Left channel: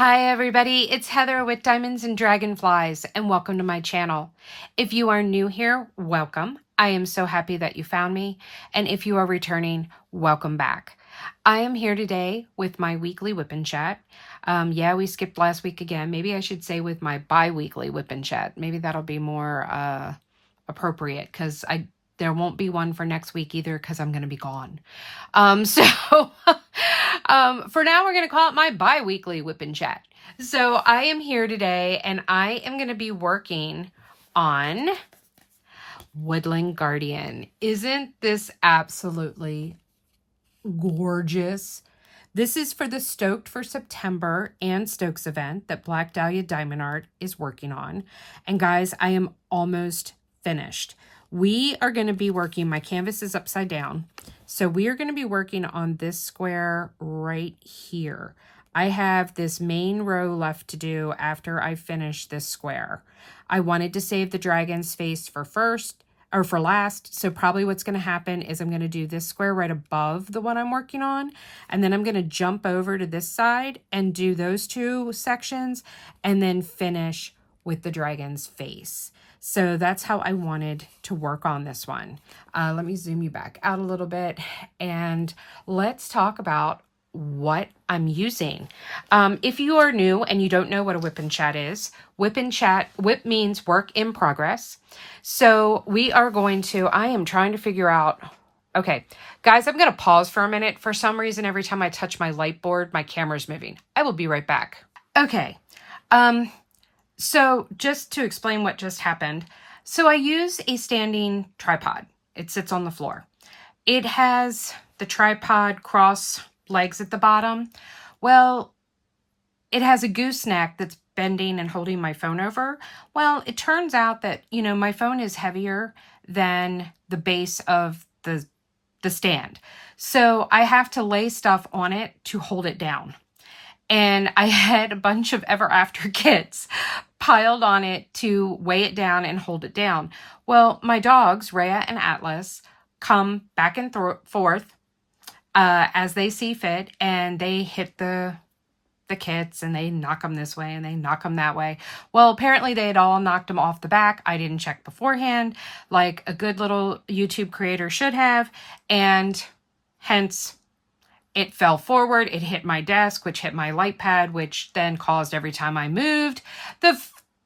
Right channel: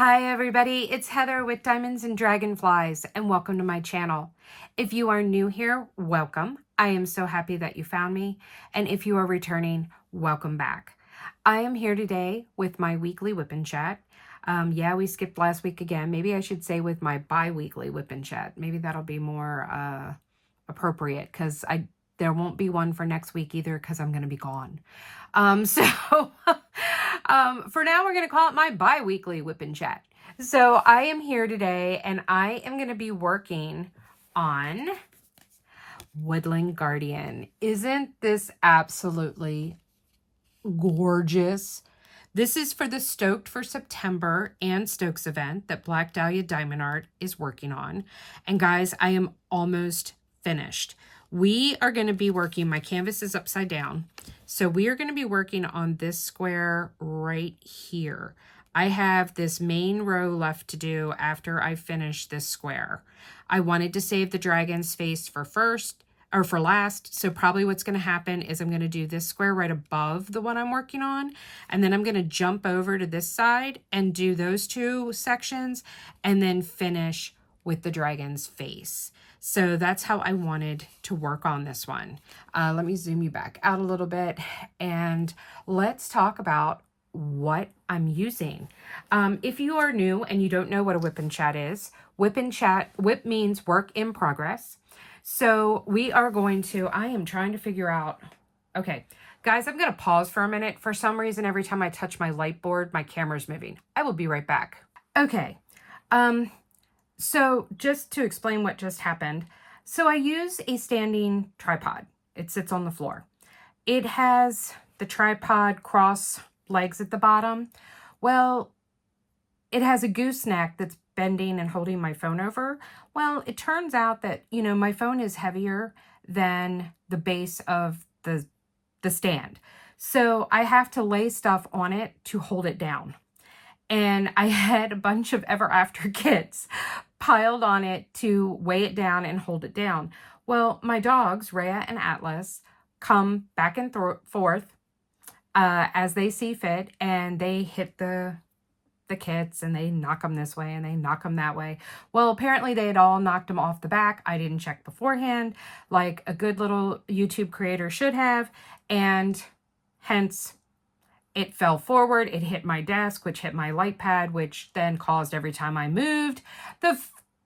Hi everybody, it's Heather with Diamonds and Dragonflies and welcome to my channel. If you are new here, welcome. I am so happy that you found me, and if you are returning, welcome back. I am here today with my weekly WIP chat. Yeah, we skipped last week again. Maybe I should say with my bi-weekly WIP chat. Maybe that'll be more appropriate because there won't be one for next week either because I'm going to be gone. For now, we're going to call it my bi-weekly WIP chat. So I am here today and I am going to be working on Woodland Guardian. Isn't this absolutely gorgeous? This is for the Stoked for September and Stokes event that Black Dahlia Diamond Art is working on. And guys, I am almost finished. We are going to be working, my canvas is upside down. So we are going to be working on this square right here. I have this main row left to do after I finish this square. I wanted to save the dragon's face for last. So probably what's going to happen is I'm going to do this square right above the one I'm working on. And then I'm going to jump over to this side and do those two sections and then finish with the dragon's face. So that's how I wanted to work on this one. Let me zoom you back out a little bit and let's talk about what I'm using. If you are new and you don't know what a WIP chat is, WIP means work in progress. So we are going to, I am trying to figure out, okay, guys, I'm going to pause for a minute. For some reason, every time I touch my light board, my camera's moving. I will be right back. Okay. So just to explain what just happened, so I use a standing tripod. It sits on the floor. It has the tripod cross legs at the bottom. Well, it has a gooseneck that's bending and holding my phone over. Well, it turns out that, you know, my phone is heavier than the base of the stand. So I have to lay stuff on it to hold it down. And I had a bunch of Ever After kits piled on it to weigh it down and hold it down. Well, my dogs, Rhea and Atlas, come back and forth as they see fit, and they hit the kits and they knock them this way and they knock them that way. Well, apparently they had all knocked them off the back. I didn't check beforehand like a good little YouTube creator should have, and hence it fell forward, it hit my desk, which hit my light pad, which then caused every time I moved,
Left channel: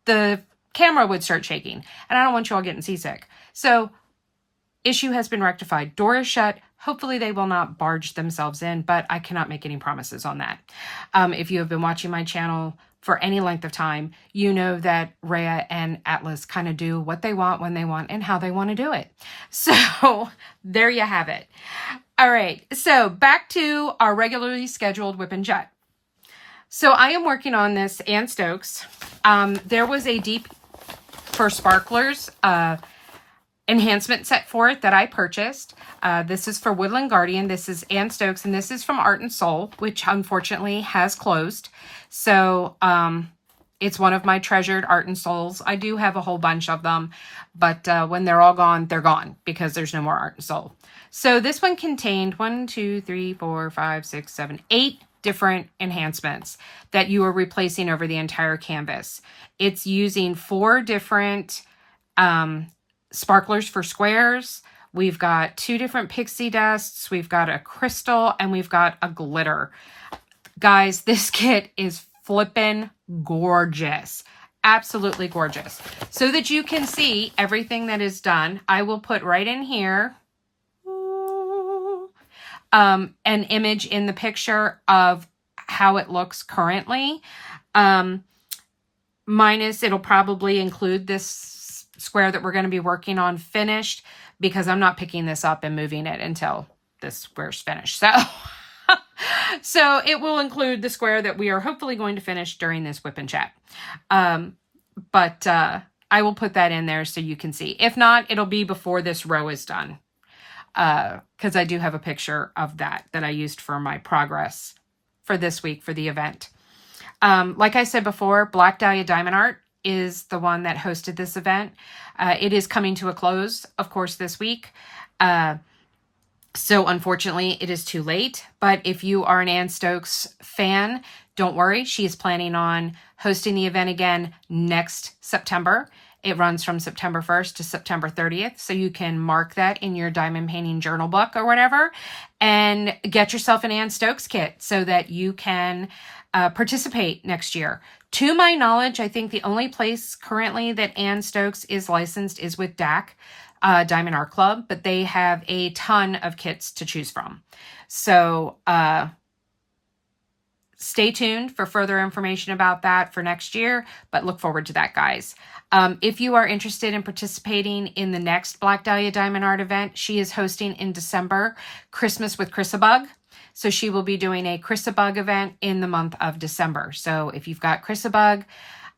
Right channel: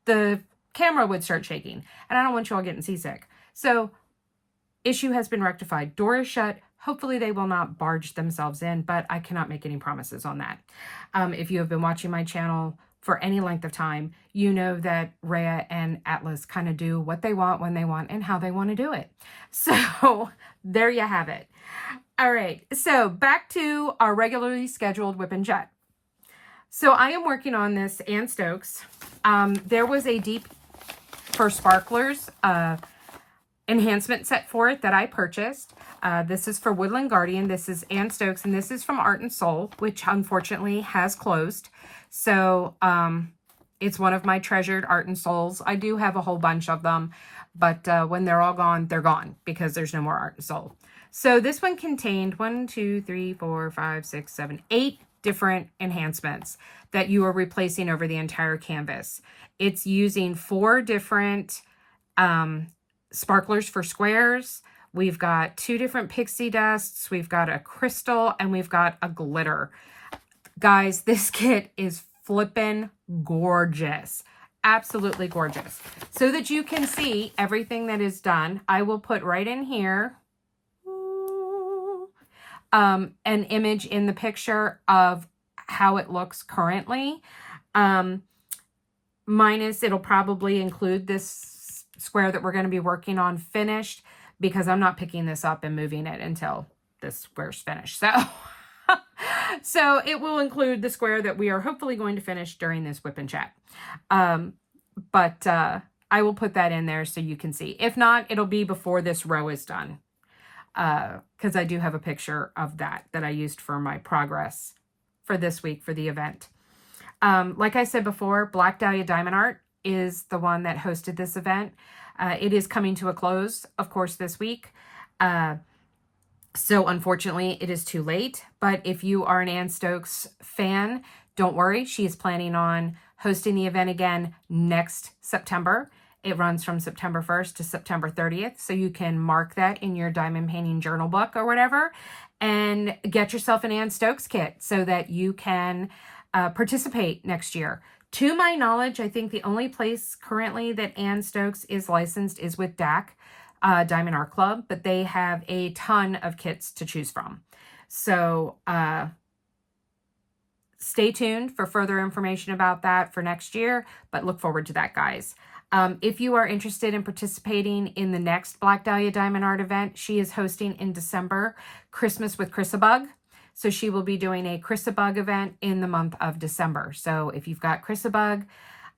the camera would start shaking. And I don't want you all getting seasick. So issue has been rectified. Door is shut. Hopefully they will not barge themselves in, but I cannot make any promises on that. If you have been watching my channel for any length of time, you know that Rhea and Atlas kind of do what they want, when they want, and how they want to do it. So there you have it. All right, so back to our regularly scheduled WIP chat. So I am working on this Ann Stokes. There was a Deep for Sparklers enhancement set for it that I purchased. This is for Woodland Guardian. This is Ann Stokes, and this is from Art and Soul, which unfortunately has closed. So it's one of my treasured Art and Souls. I do have a whole bunch of them, but when they're all gone, they're gone because there's no more Art and Soul. So this one contained 8 different enhancements that you are replacing over the entire canvas. It's using 4 different sparklers for squares. We've got 2 different pixie dusts. We've got a crystal and we've got a glitter. Guys, this kit is flippin' gorgeous. Absolutely gorgeous. So that you can see everything that is done, I will put right in here an image in the picture of how it looks currently. Minus, it'll probably include this square that we're going to be working on finished, because I'm not picking this up and moving it until this square's finished. So it will include the square that we are hopefully going to finish during this WIP chat. But I will put that in there so you can see. If not, it'll be before this row is done. Because I do have a picture of that I used for my progress for this week for the event. Like I said before, Black Dahlia Diamond Art is the one that hosted this event. It is coming to a close, of course, this week. So unfortunately, it is too late. But if you are an Ann Stokes fan, Don't worry, she is planning on hosting the event again next September. It runs from September 1st to September 30th, so you can mark that in your diamond painting journal book or whatever, and get yourself an Ann Stokes kit so that you can participate next year. To my knowledge, I think the only place currently that Ann Stokes is licensed is with DAC, Diamond Art Club, but they have a ton of kits to choose from. So stay tuned for further information about that for next year, but look forward to that, guys. If you are interested in participating in the next Black Dahlia Diamond Art event, she is hosting in December, Christmas with Chrisabug. So she will be doing a Chrisabug event in the month of December. So if you've got Chrisabug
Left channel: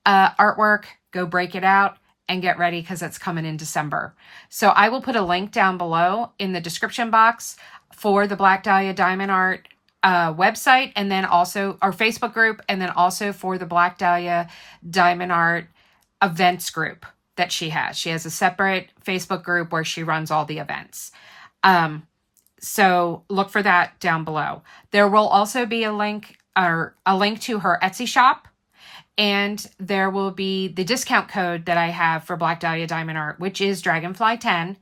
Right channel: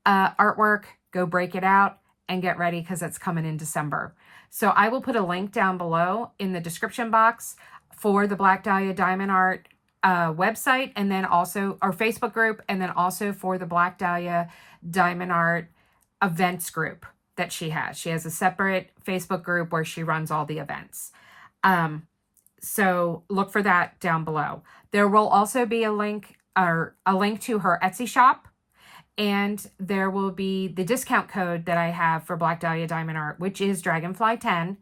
artwork, go break it out and get ready because it's coming in December. So I will put a link down below in the description box for the Black Dahlia Diamond Art website, and then also our Facebook group, and then also for the Black Dahlia Diamond Art events group that she has. She has a separate Facebook group where she runs all the events. So look for that down below. There will also be a link to her Etsy shop, and there will be the discount code that I have for Black Dahlia Diamond Art, which is Dragonfly10.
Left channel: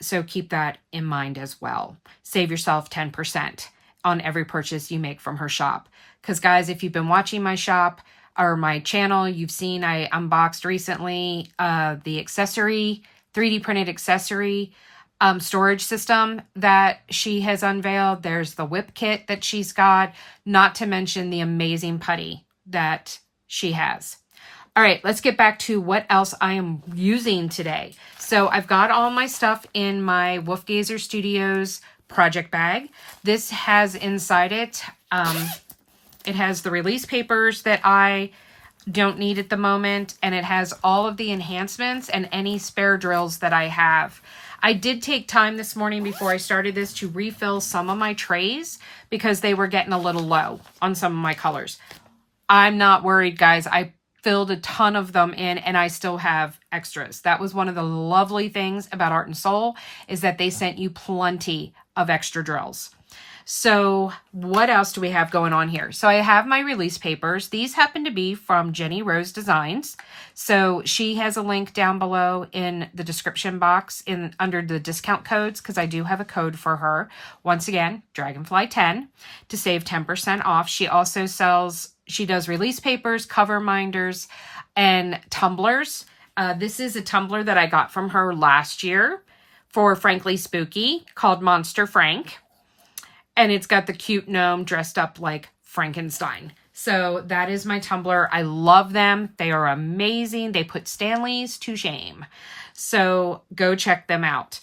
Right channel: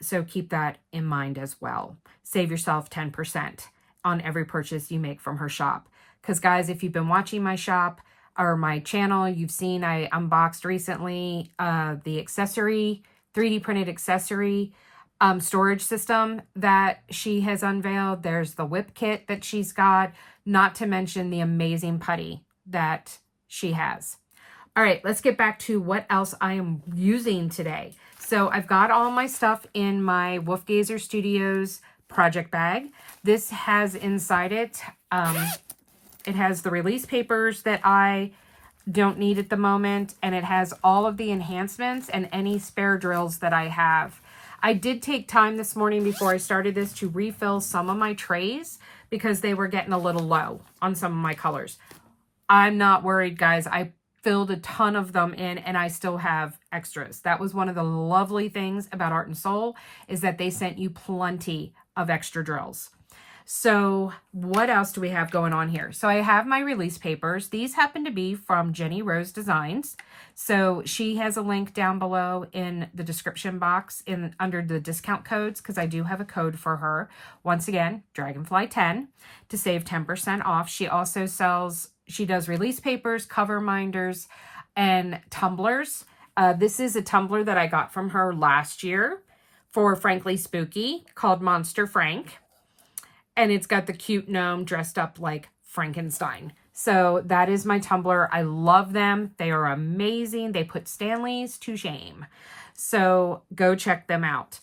So keep that in mind as well. Save yourself 10% on every purchase you make from her shop. Because guys, if you've been watching my shop or my channel, you've seen I unboxed recently the accessory, 3D printed accessory storage system that she has unveiled. There's the WIP kit that she's got, not to mention the amazing putty that she has. All right, let's get back to what else I am using today. So I've got all my stuff in my Wolfgazer Studios project bag. This has inside it, it has the release papers that I don't need at the moment, and it has all of the enhancements and any spare drills that I have. I did take time this morning before I started this to refill some of my trays because they were getting a little low on some of my colors. I'm not worried, guys. I filled a ton of them in and I still have extras. That was one of the lovely things about Art and Soul, is that they sent you plenty of extra drills. So what else do we have going on here? So I have my release papers. These happen to be from JeniRose Designs. So she has a link down below in the description box under the discount codes, because I do have a code for her. Once again, Dragonfly10 to save 10% off. She also does release papers, cover minders, and tumblers. This is a tumbler that I got from her last year for Frankly Spooky called Monster Frank. And it's got the cute gnome dressed up like Frankenstein. So that is my tumbler. I love them. They are amazing. They put Stanleys to shame. So go check them out.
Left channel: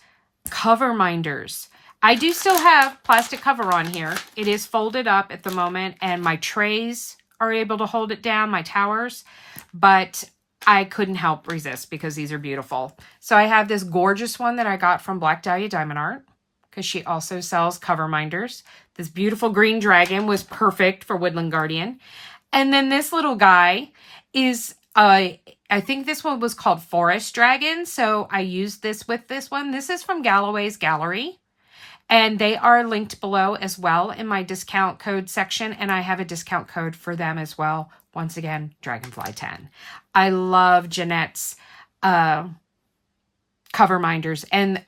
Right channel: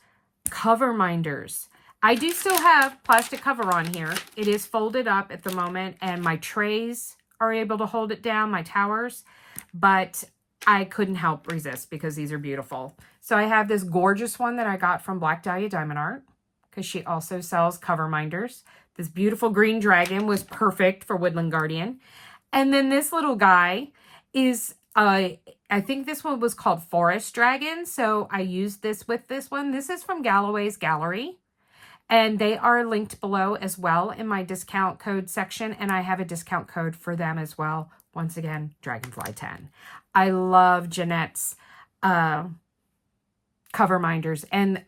Cover minders. I do still have plastic cover on here. It is folded up at the moment, and my trays are able to hold it down, my towers, but I couldn't help resist because these are beautiful. So I have this gorgeous one that I got from Black Dahlia Diamond Art, because she also sells cover minders. This beautiful green dragon was perfect for Woodland Guardian. And then this little guy is, I think this one was called Forest Dragon. So I used this with this one. This is from GallowaysGallery. And they are linked below as well in my discount code section. And I have a discount code for them as well. Once again, Dragonfly10. I love Jeanette's cover minders. And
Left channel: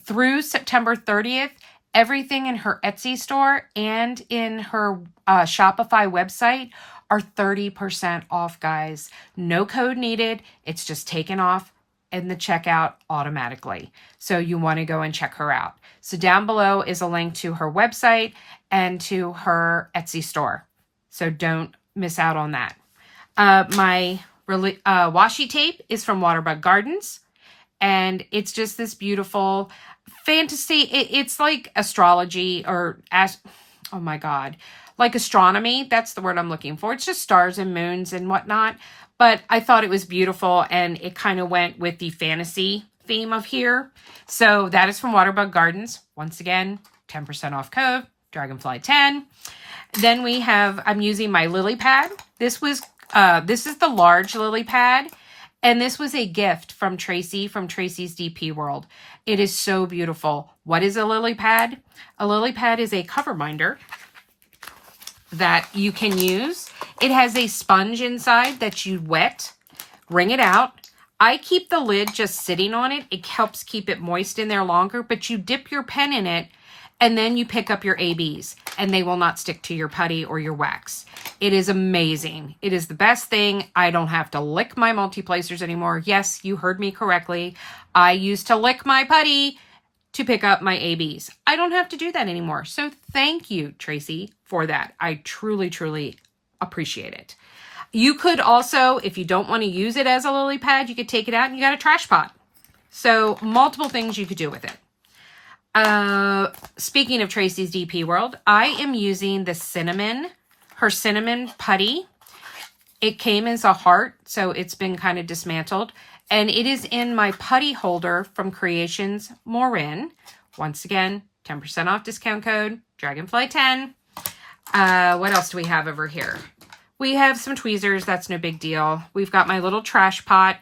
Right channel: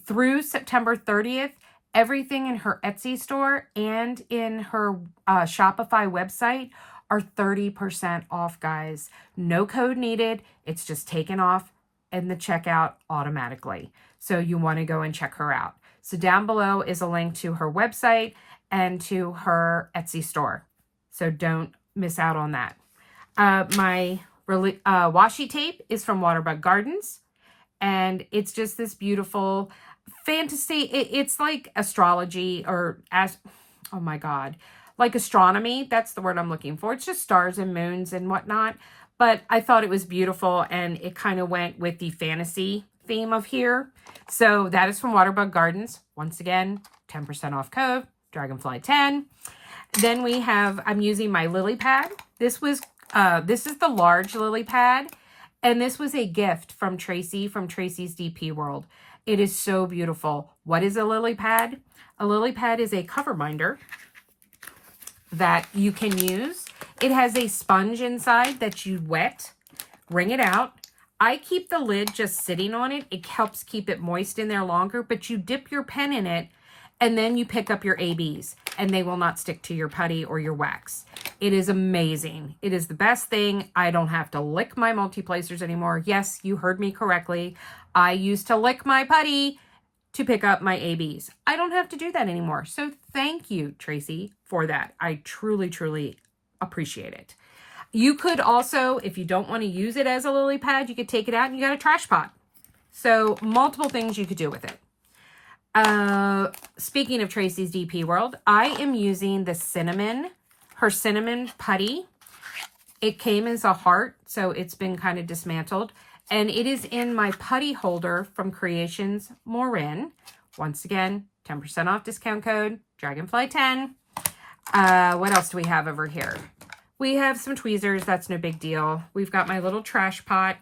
through September 30th, everything in her Etsy store and in her Shopify website are 30% off, guys. No code needed. It's just taken off in the checkout automatically. So you want to go and check her out. So down below is a link to her website and to her Etsy store. So don't miss out on that. My washi tape is from Waterbug Gardens. And it's just this beautiful fantasy. It's like astrology or, oh my God, like astronomy. That's the word I'm looking for. It's just stars and moons and whatnot. But I thought it was beautiful, and it kind of went with the fantasy theme of here. So that is from Waterbug Gardens. Once again, 10% off code, Dragonfly10. Then we have, I'm using my lily pad. This is the large lily pad. And this was a gift from Tracy, from Tracy's DP World. It is so beautiful. What is a lily pad? A lily pad is a cover minder that you can use. It has a sponge inside that you wet, wring it out. I keep the lid just sitting on it. It helps keep it moist in there longer, but you dip your pen in it and then you pick up your ABs and they will not stick to your putty or your wax. It is amazing. It is the best thing. I don't have to lick my multi-placers anymore. Yes, you heard me correctly. I used to lick my putty to pick up my ABs. I don't have to do that anymore. So thank you, Tracy, for that. I truly, truly appreciate it. You could also, if you don't want to use it as a lily pad, you could take it out and you got a trash pot. So multiple things you could do with it. Speaking of Tracy's DP World, I am using the her cinnamon putty. It came as a heart, so it's been kind of dismantled. And it is in my putty holder from Créations Morin. Once again, 10% off discount code, Dragonfly10. What else do we have over here? We have some tweezers. That's no big deal. We've got my little trash pot.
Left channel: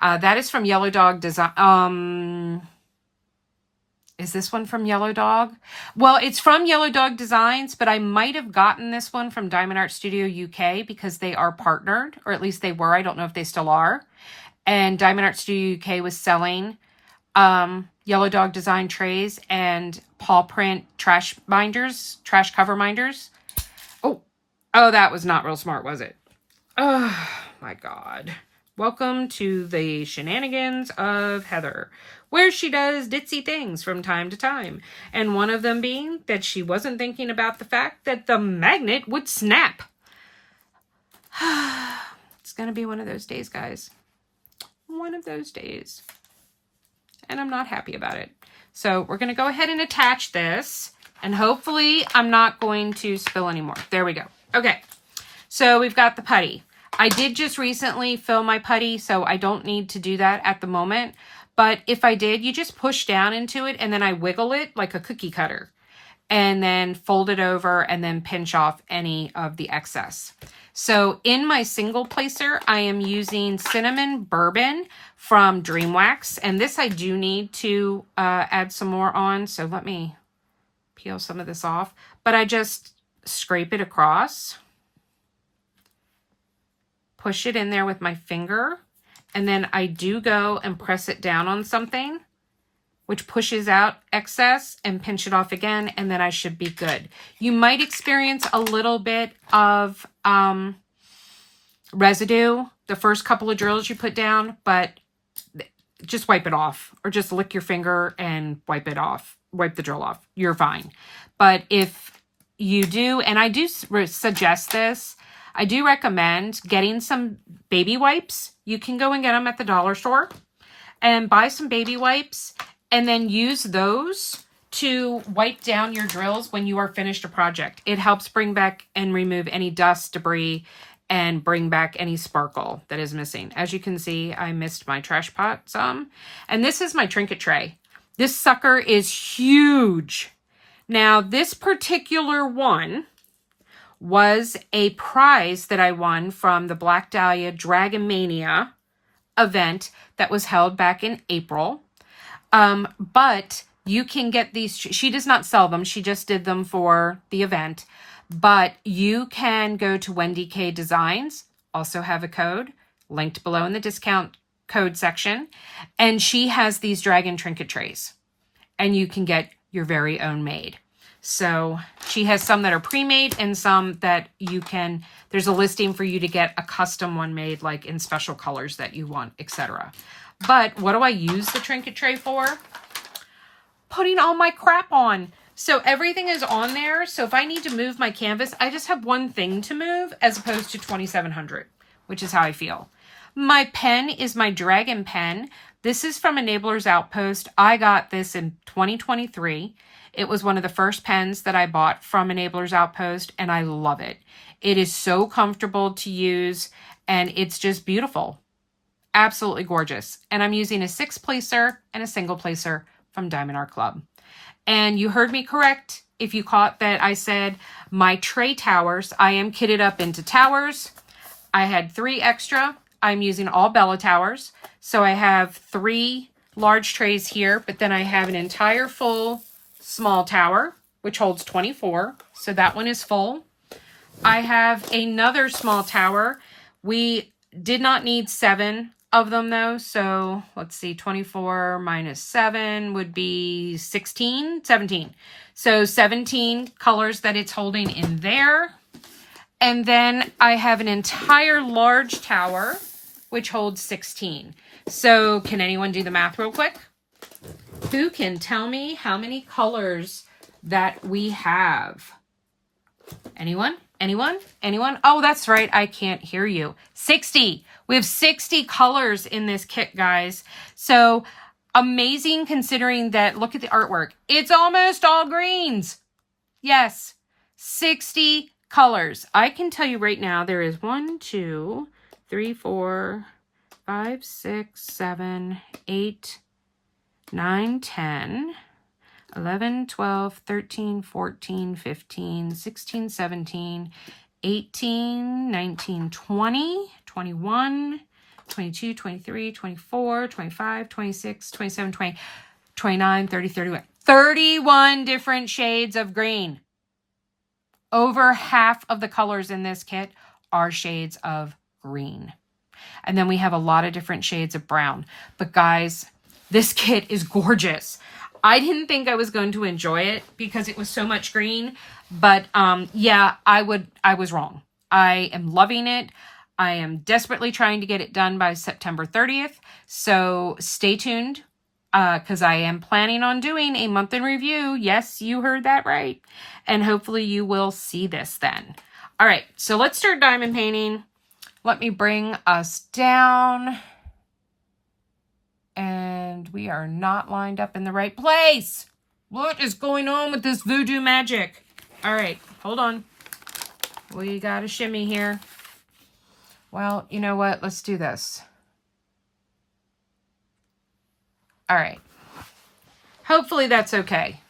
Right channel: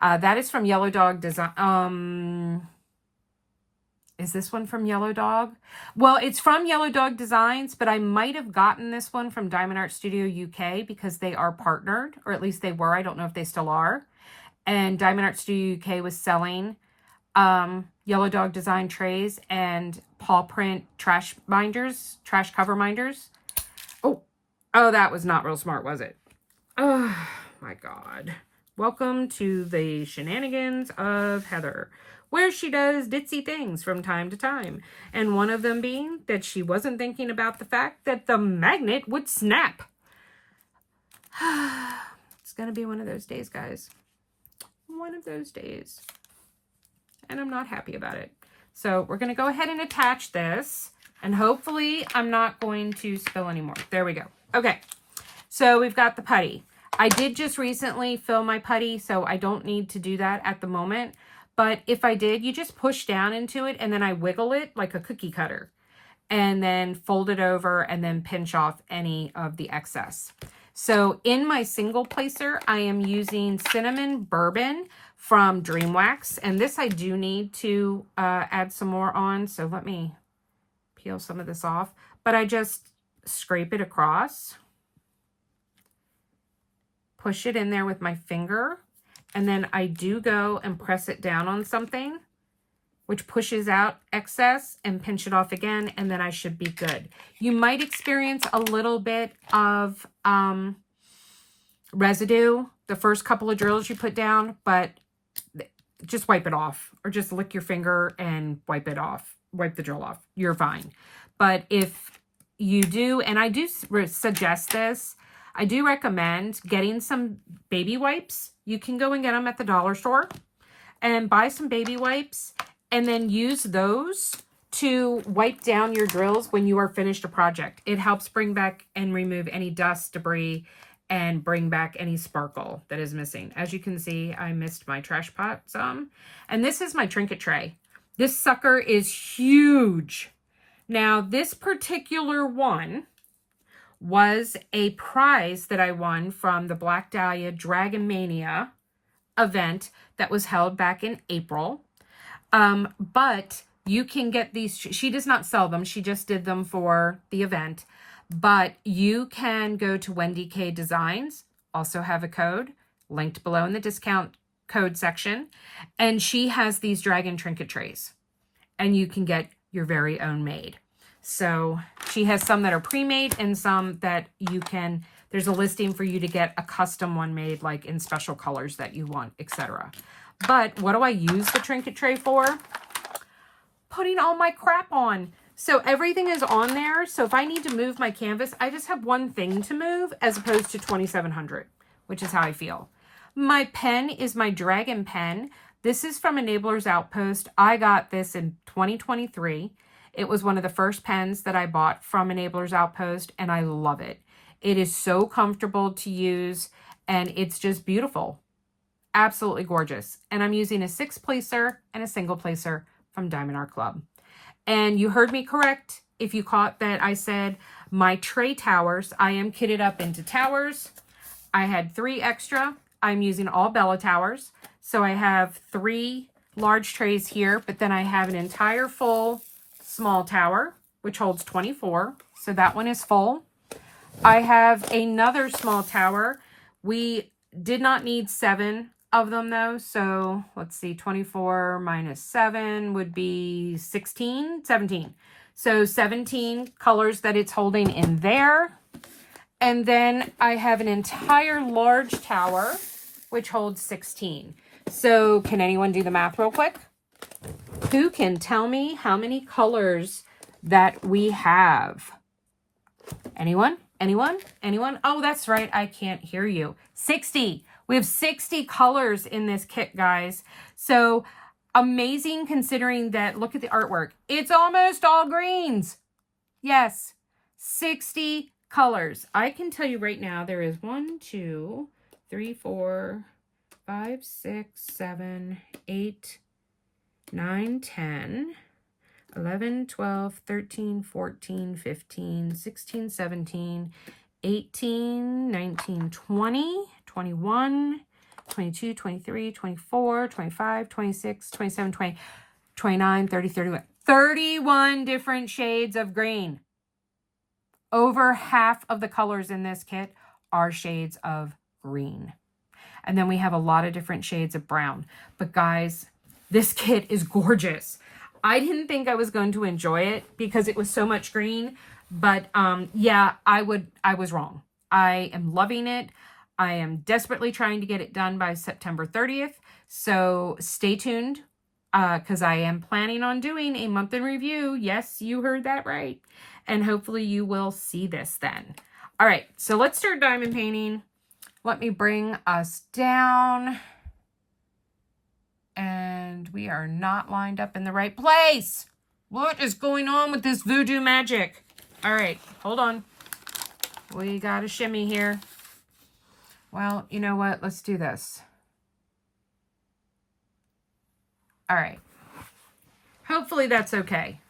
That is from Yellow Dog Design. Is this one from Yellow Dog? Well, it's from Yellow Dog Designs, but I might have gotten this one from Diamond Art Studio UK because they are partnered, or at least they were. I don't know if they still are. And Diamond Art Studio UK was selling Yellow Dog Design trays and paw print trash cover minders. Oh, that was not real smart, was it? Oh, my God. Welcome to the shenanigans of Heather, where she does ditzy things from time to time. And one of them being that she wasn't thinking about the fact that the magnet would snap. It's going to be one of those days, guys. One of those days. And I'm not happy about it. So we're going to go ahead and attach this. And hopefully I'm not going to spill anymore. There we go. Okay. So we've got the putty. I did just recently fill my putty, so I don't need to do that at the moment. But if I did, you just push down into it and then I wiggle it like a cookie cutter. And then fold it over and then pinch off any of the excess. So in my single placer, I am using Cinnamon Bourbon from Dream Wax. And this I do need to add some more on. So let me peel some of this off. But I just scrape it across. Push it in there with my finger. And then I do go and press it down on something, which pushes out excess, and pinch it off again, and then I should be good. You might experience a little bit of residue the first couple of drills you put down, but just wipe it off, or just lick your finger and wipe it off, wipe the drill off. You're fine. But if you do, and I do suggest this, I do recommend getting some baby wipes. You can go and get them at the dollar store and buy some baby wipes and then use those to wipe down your drills when you are finished a project. It helps bring back and remove any dust, debris, and bring back any sparkle that is missing. As you can see, I missed my trash pot some. And this is my trinket tray. This sucker is huge. Now, this particular one was a prize that I won from the Black Dahlia Dragon Mania event that was held back in April. But you can get these. She does not sell them. She just did them for the event. But you can go to WendyK Designs, also have a code linked below in the discount code section. And she has these dragon trinket trays. And you can get your very own made. So she has some that are pre-made and some that you can, there's a listing for you to get a custom one made, like in special colors that you want, etc. But what do I use the trinket tray for? Putting all my crap on. So everything is on there. So if I need to move my canvas, I just have one thing to move as opposed to 2,700, which is how I feel. My pen is my Dragon pen. This is from Enabler's Outpost. I got this in 2023. It was one of the first pens that I bought from Enabler's Outpost, and I love it. It is so comfortable to use, and it's just beautiful. Absolutely gorgeous. And I'm using a 6-placer and a single placer from Diamond Art Club. And you heard me correct if you caught that I said my tray towers, I am kitted up into towers. I had 3 extra. I'm using all Bella towers. So I have 3 large trays here, but then I have an entire full small tower, which holds 24. So that one is full. I have another small tower. We did not need 7 of them though. So let's see, 24 minus 7 would be 16, 17. So 17 colors that it's holding in there. And then I have an entire large tower, which holds 16. So can anyone do the math real quick? Who can tell me how many colors that we have? Anyone? Anyone? Anyone? Oh, that's right. I can't hear you. 60. We have 60 colors in this kit, guys. So amazing considering that, look at the artwork. It's almost all greens. Yes, 60 colors. I can tell you right now, there is 1, 2, 3, 4, 5, 6, 7, 8, 9, 10, 11, 12, 13, 14, 15, 16, 17, 18, 19, 20, 21, 22, 23, 24, 25, 26, 27, 20, 29, 30, 31. 31 different shades of green. Over half of the colors in this kit are shades of green. And then we have a lot of different shades of brown. But guys, this kit is gorgeous. I didn't think I was going to enjoy it because it was so much green. But yeah, I was wrong. I am loving it. I am desperately trying to get it done by September 30th. So stay tuned because I am planning on doing a month in review. Yes, you heard that right. And hopefully you will see this then. All right, so let's start diamond painting. Let me bring us down. And we are not lined up in the right place. What is going on with this voodoo magic? All right, hold on. We got a shimmy here. Well, you know what? Let's do this. All right. Hopefully that's okay.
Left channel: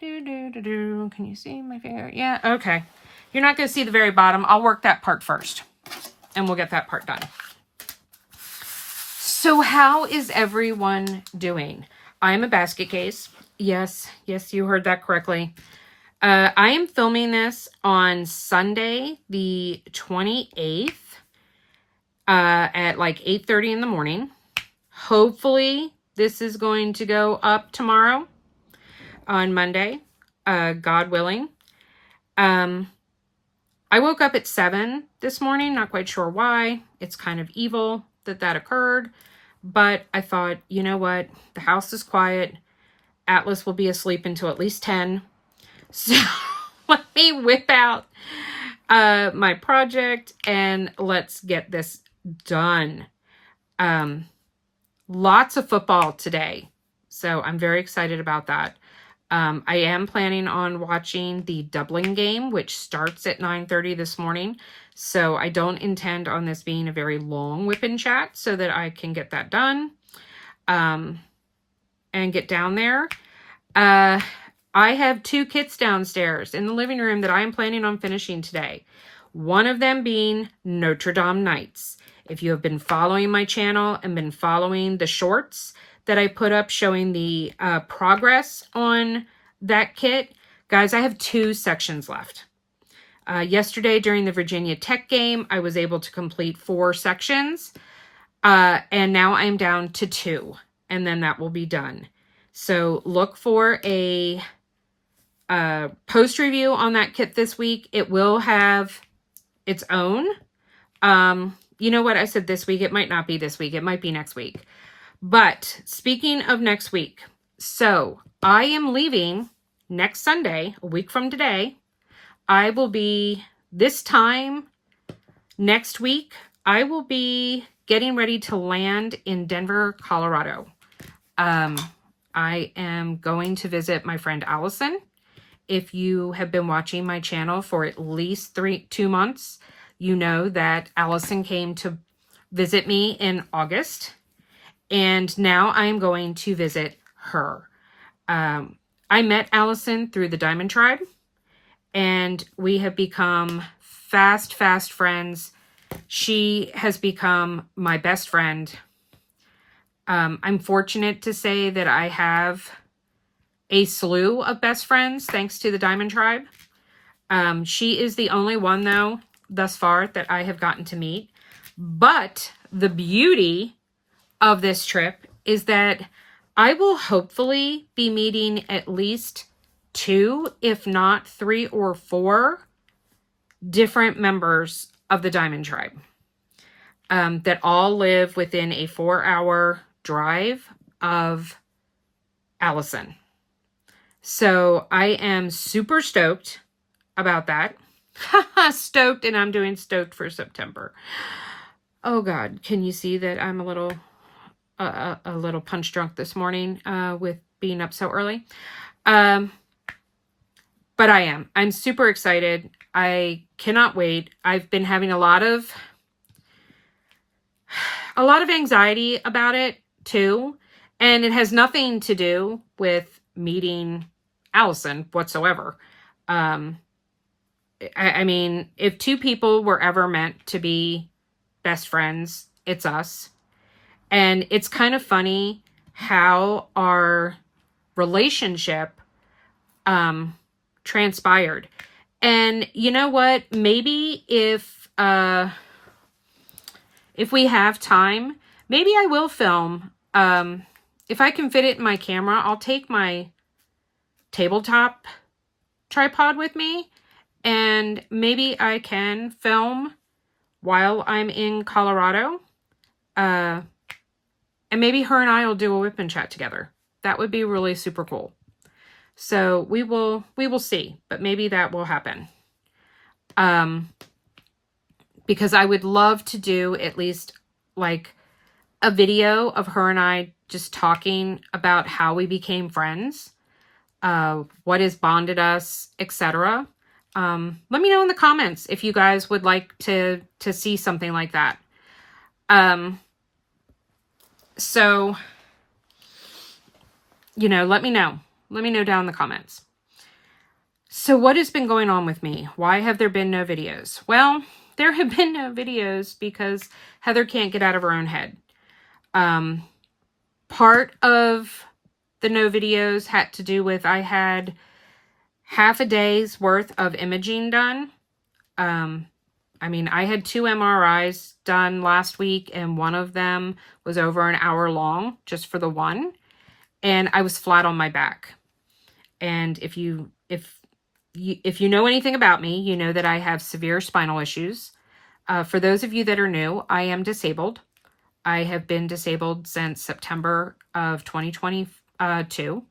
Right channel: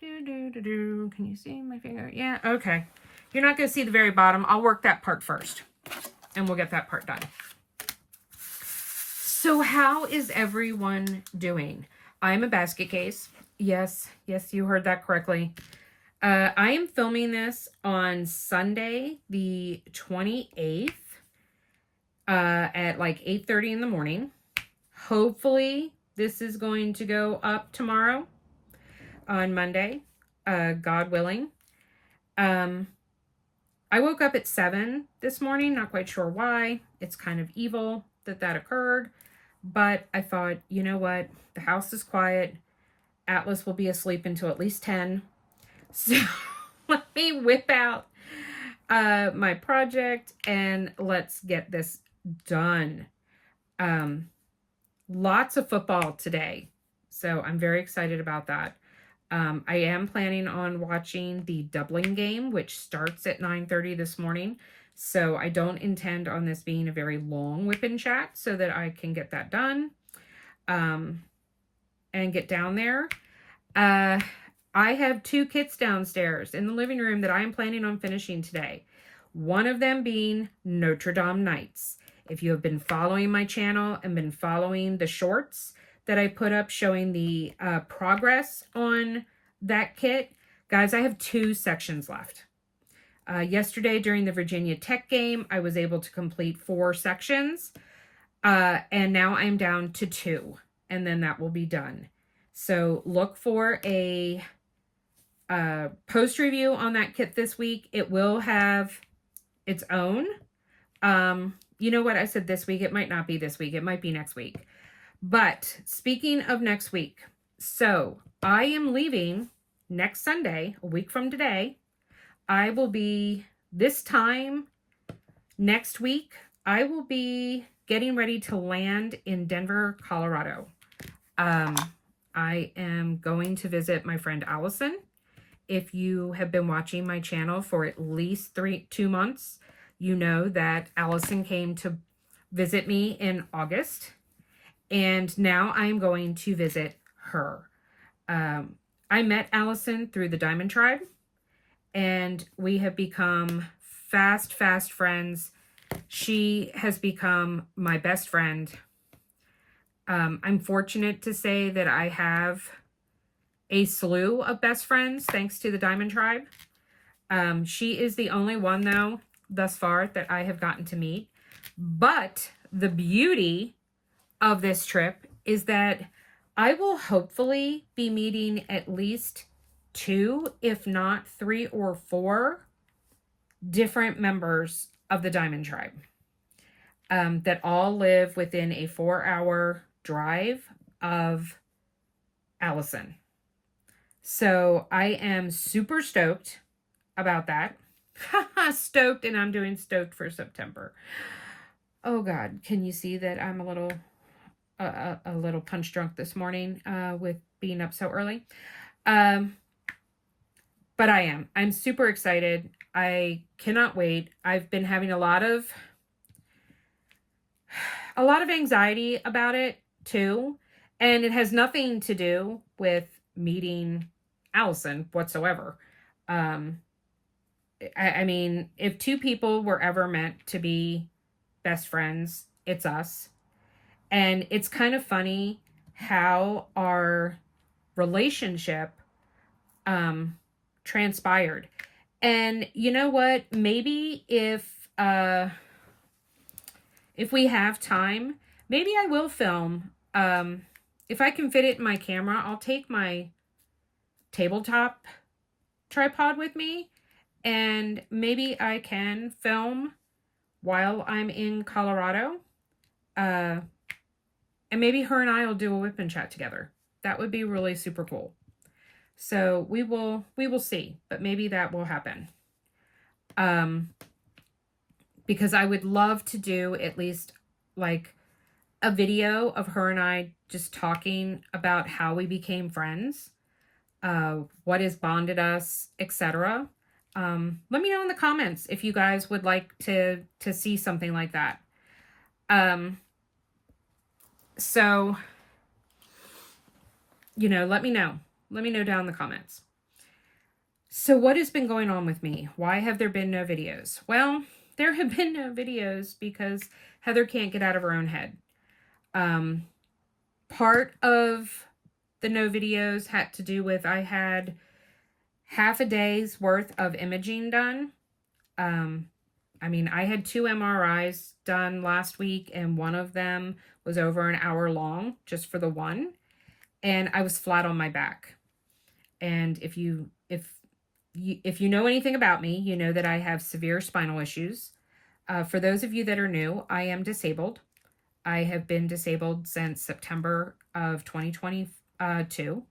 Can you see my finger? Yeah, okay. You're not going to see the very bottom. I'll work that part first. And we'll get that part done. So how is everyone doing? I'm a basket case. Yes, you heard that correctly. I am filming this on Sunday, the 28th, at like 8:30 in the morning. Hopefully this is going to go up tomorrow on Monday, God willing. I woke up at 7 this morning, not quite sure why. It's kind of evil that occurred. But I thought, you know what? The house is quiet. Atlas will be asleep until at least 10. So let me whip out my project and let's get this done. Lots of football today. So I'm very excited about that. I am planning on watching the Dublin game, which starts at 9:30 this morning. So I don't intend on this being a very long WIP chat so that I can get that done and get down there. I have 2 kits downstairs in the living room that I am planning on finishing today. One of them being Notre Dame Nights. If you have been following my channel and been following the shorts that I put up showing the progress on that kit, guys, I have 2 sections left. Yesterday during the Virginia Tech game, I was able to complete 4 sections. And now I'm down to 2. And then that will be done. So look for a post review on that kit this week. It will have its own. You know what? I said this week. It might not be this week. It might be next week. But speaking of next week, so I am leaving next Sunday, a week from today. I will be, this time next week, I will be getting ready to land in Denver, Colorado. I am going to visit my friend Allison. If you have been watching my channel for at least 2 months, you know that Allison came to visit me in August. And now I am going to visit her. I met Allison through the Diamond Tribe. And we have become fast friends. She has become my best friend. I'm fortunate to say that I have a slew of best friends thanks to the Diamond Tribe. She is the only one, though, thus far that I have gotten to meet. But the beauty of this trip is that I will hopefully be meeting at least 2, if not 3 or 4 different members of the Diamond Tribe that all live within a 4-hour drive of Allison. So I am super stoked about that. Stoked, and I'm doing stoked for September. Oh God, can you see that I'm a little punch drunk this morning with being up so early? But I'm super excited. I cannot wait. I've been having a lot of anxiety about it too. And it has nothing to do with meeting Allison whatsoever. I mean, if 2 people were ever meant to be best friends, it's us. And it's kind of funny how our relationship transpired. And you know what? Maybe if we have time, maybe I will film. If I can fit it in my camera, I'll take my tabletop tripod with me, and maybe I can film while I'm in Colorado. And maybe her and I will do a WIP chat together. That would be really super cool. So we will see, but maybe that will happen. Because I would love to do at least like a video of her and I just talking about how we became friends, what has bonded us, etc. Let me know in the comments if you guys would like to see something like that. So, you know, let me know. Let me know down in the comments. So what has been going on with me? Why have there been no videos? Well, there have been no videos because Heather can't get out of her own head. Part of the no videos had to do with I had half a day's worth of imaging done. I mean, I had 2 MRIs done last week, and one of them was over an hour long just for the one. And I was flat on my back. And if you know anything about me, you know that I have severe spinal issues. For those of you that are new, I am disabled. I have been disabled since September of 2022.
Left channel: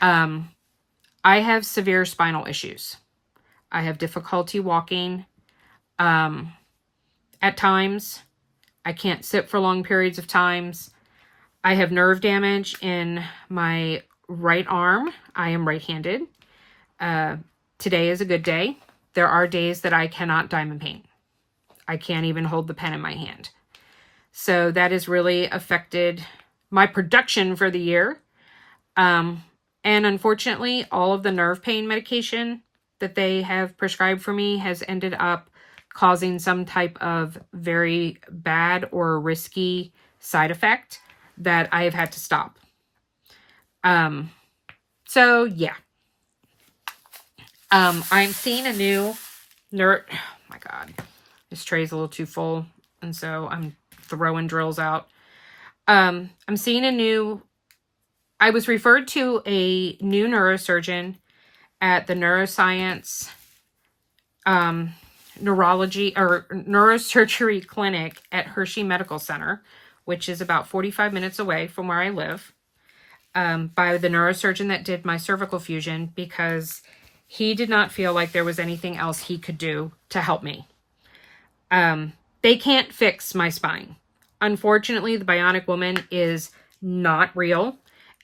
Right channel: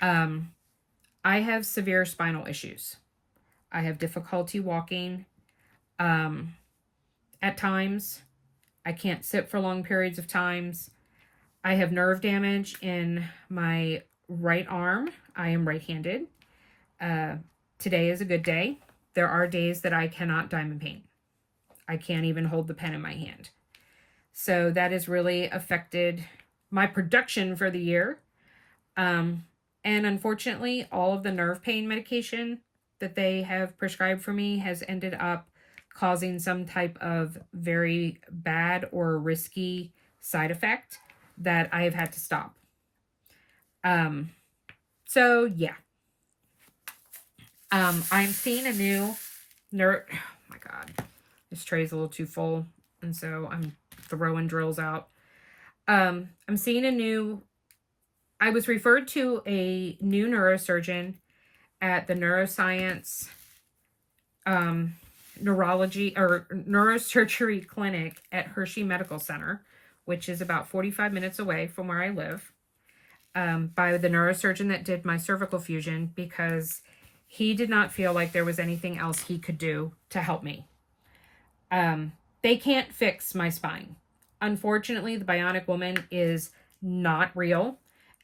I have severe spinal issues. I have difficulty walking. At times, I can't sit for long periods of times. I have nerve damage in my right arm. I am right-handed. Today is a good day. There are days that I cannot diamond paint. I can't even hold the pen in my hand. So that has really affected my production for the year. And unfortunately, all of the nerve pain medication that they have prescribed for me has ended up causing some type of very bad or risky side effect that I have had to stop. So yeah. I'm seeing a new oh my God, this tray's a little too full. And so I'm throwing drills out. I'm seeing I was referred to a new neurosurgeon at the neuroscience, neurology or neurosurgery clinic at Hershey Medical Center, which is about 45 minutes away from where I live, by the neurosurgeon that did my cervical fusion, because he did not feel like there was anything else he could do to help me. They can't fix my spine. Unfortunately, the Bionic Woman is not real,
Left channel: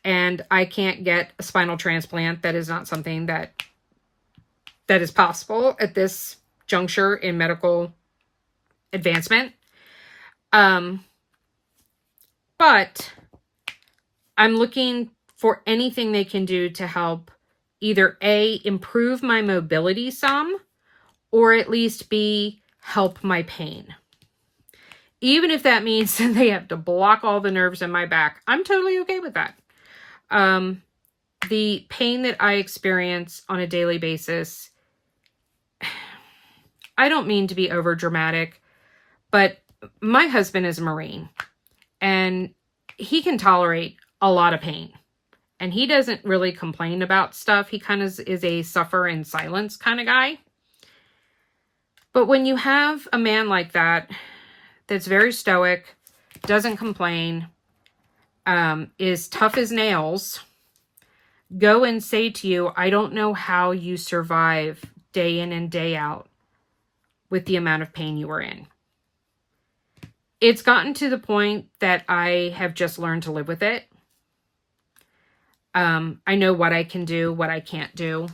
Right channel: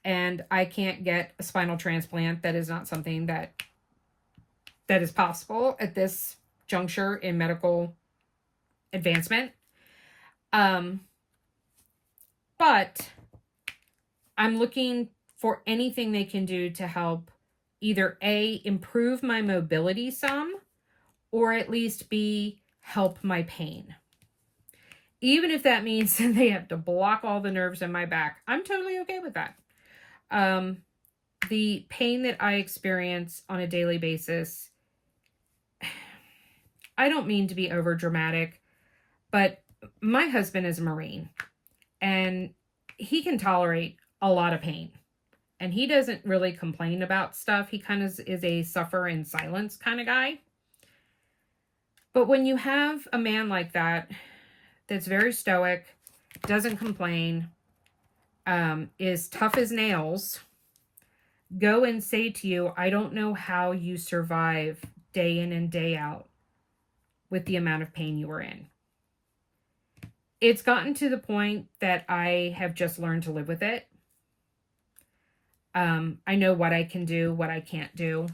and I can't get a spinal transplant. That is not something that is possible at this juncture in medical advancement. But I'm looking for anything they can do to help either A, improve my mobility some, or at least B, help my pain. Even if that means that they have to block all the nerves in my back, I'm totally okay with that. The pain that I experience on a daily basis I don't mean to be over dramatic, but my husband is a Marine and he can tolerate a lot of pain. And he doesn't really complain about stuff. He kind of is a suffer in silence kind of guy. But when you have a man like that, that's very stoic, doesn't complain, is tough as nails, go and say to you, I don't know how you survive day in and day out with the amount of pain you are in. It's gotten to the point that I have just learned to live with it. I know what I can do, what I can't do.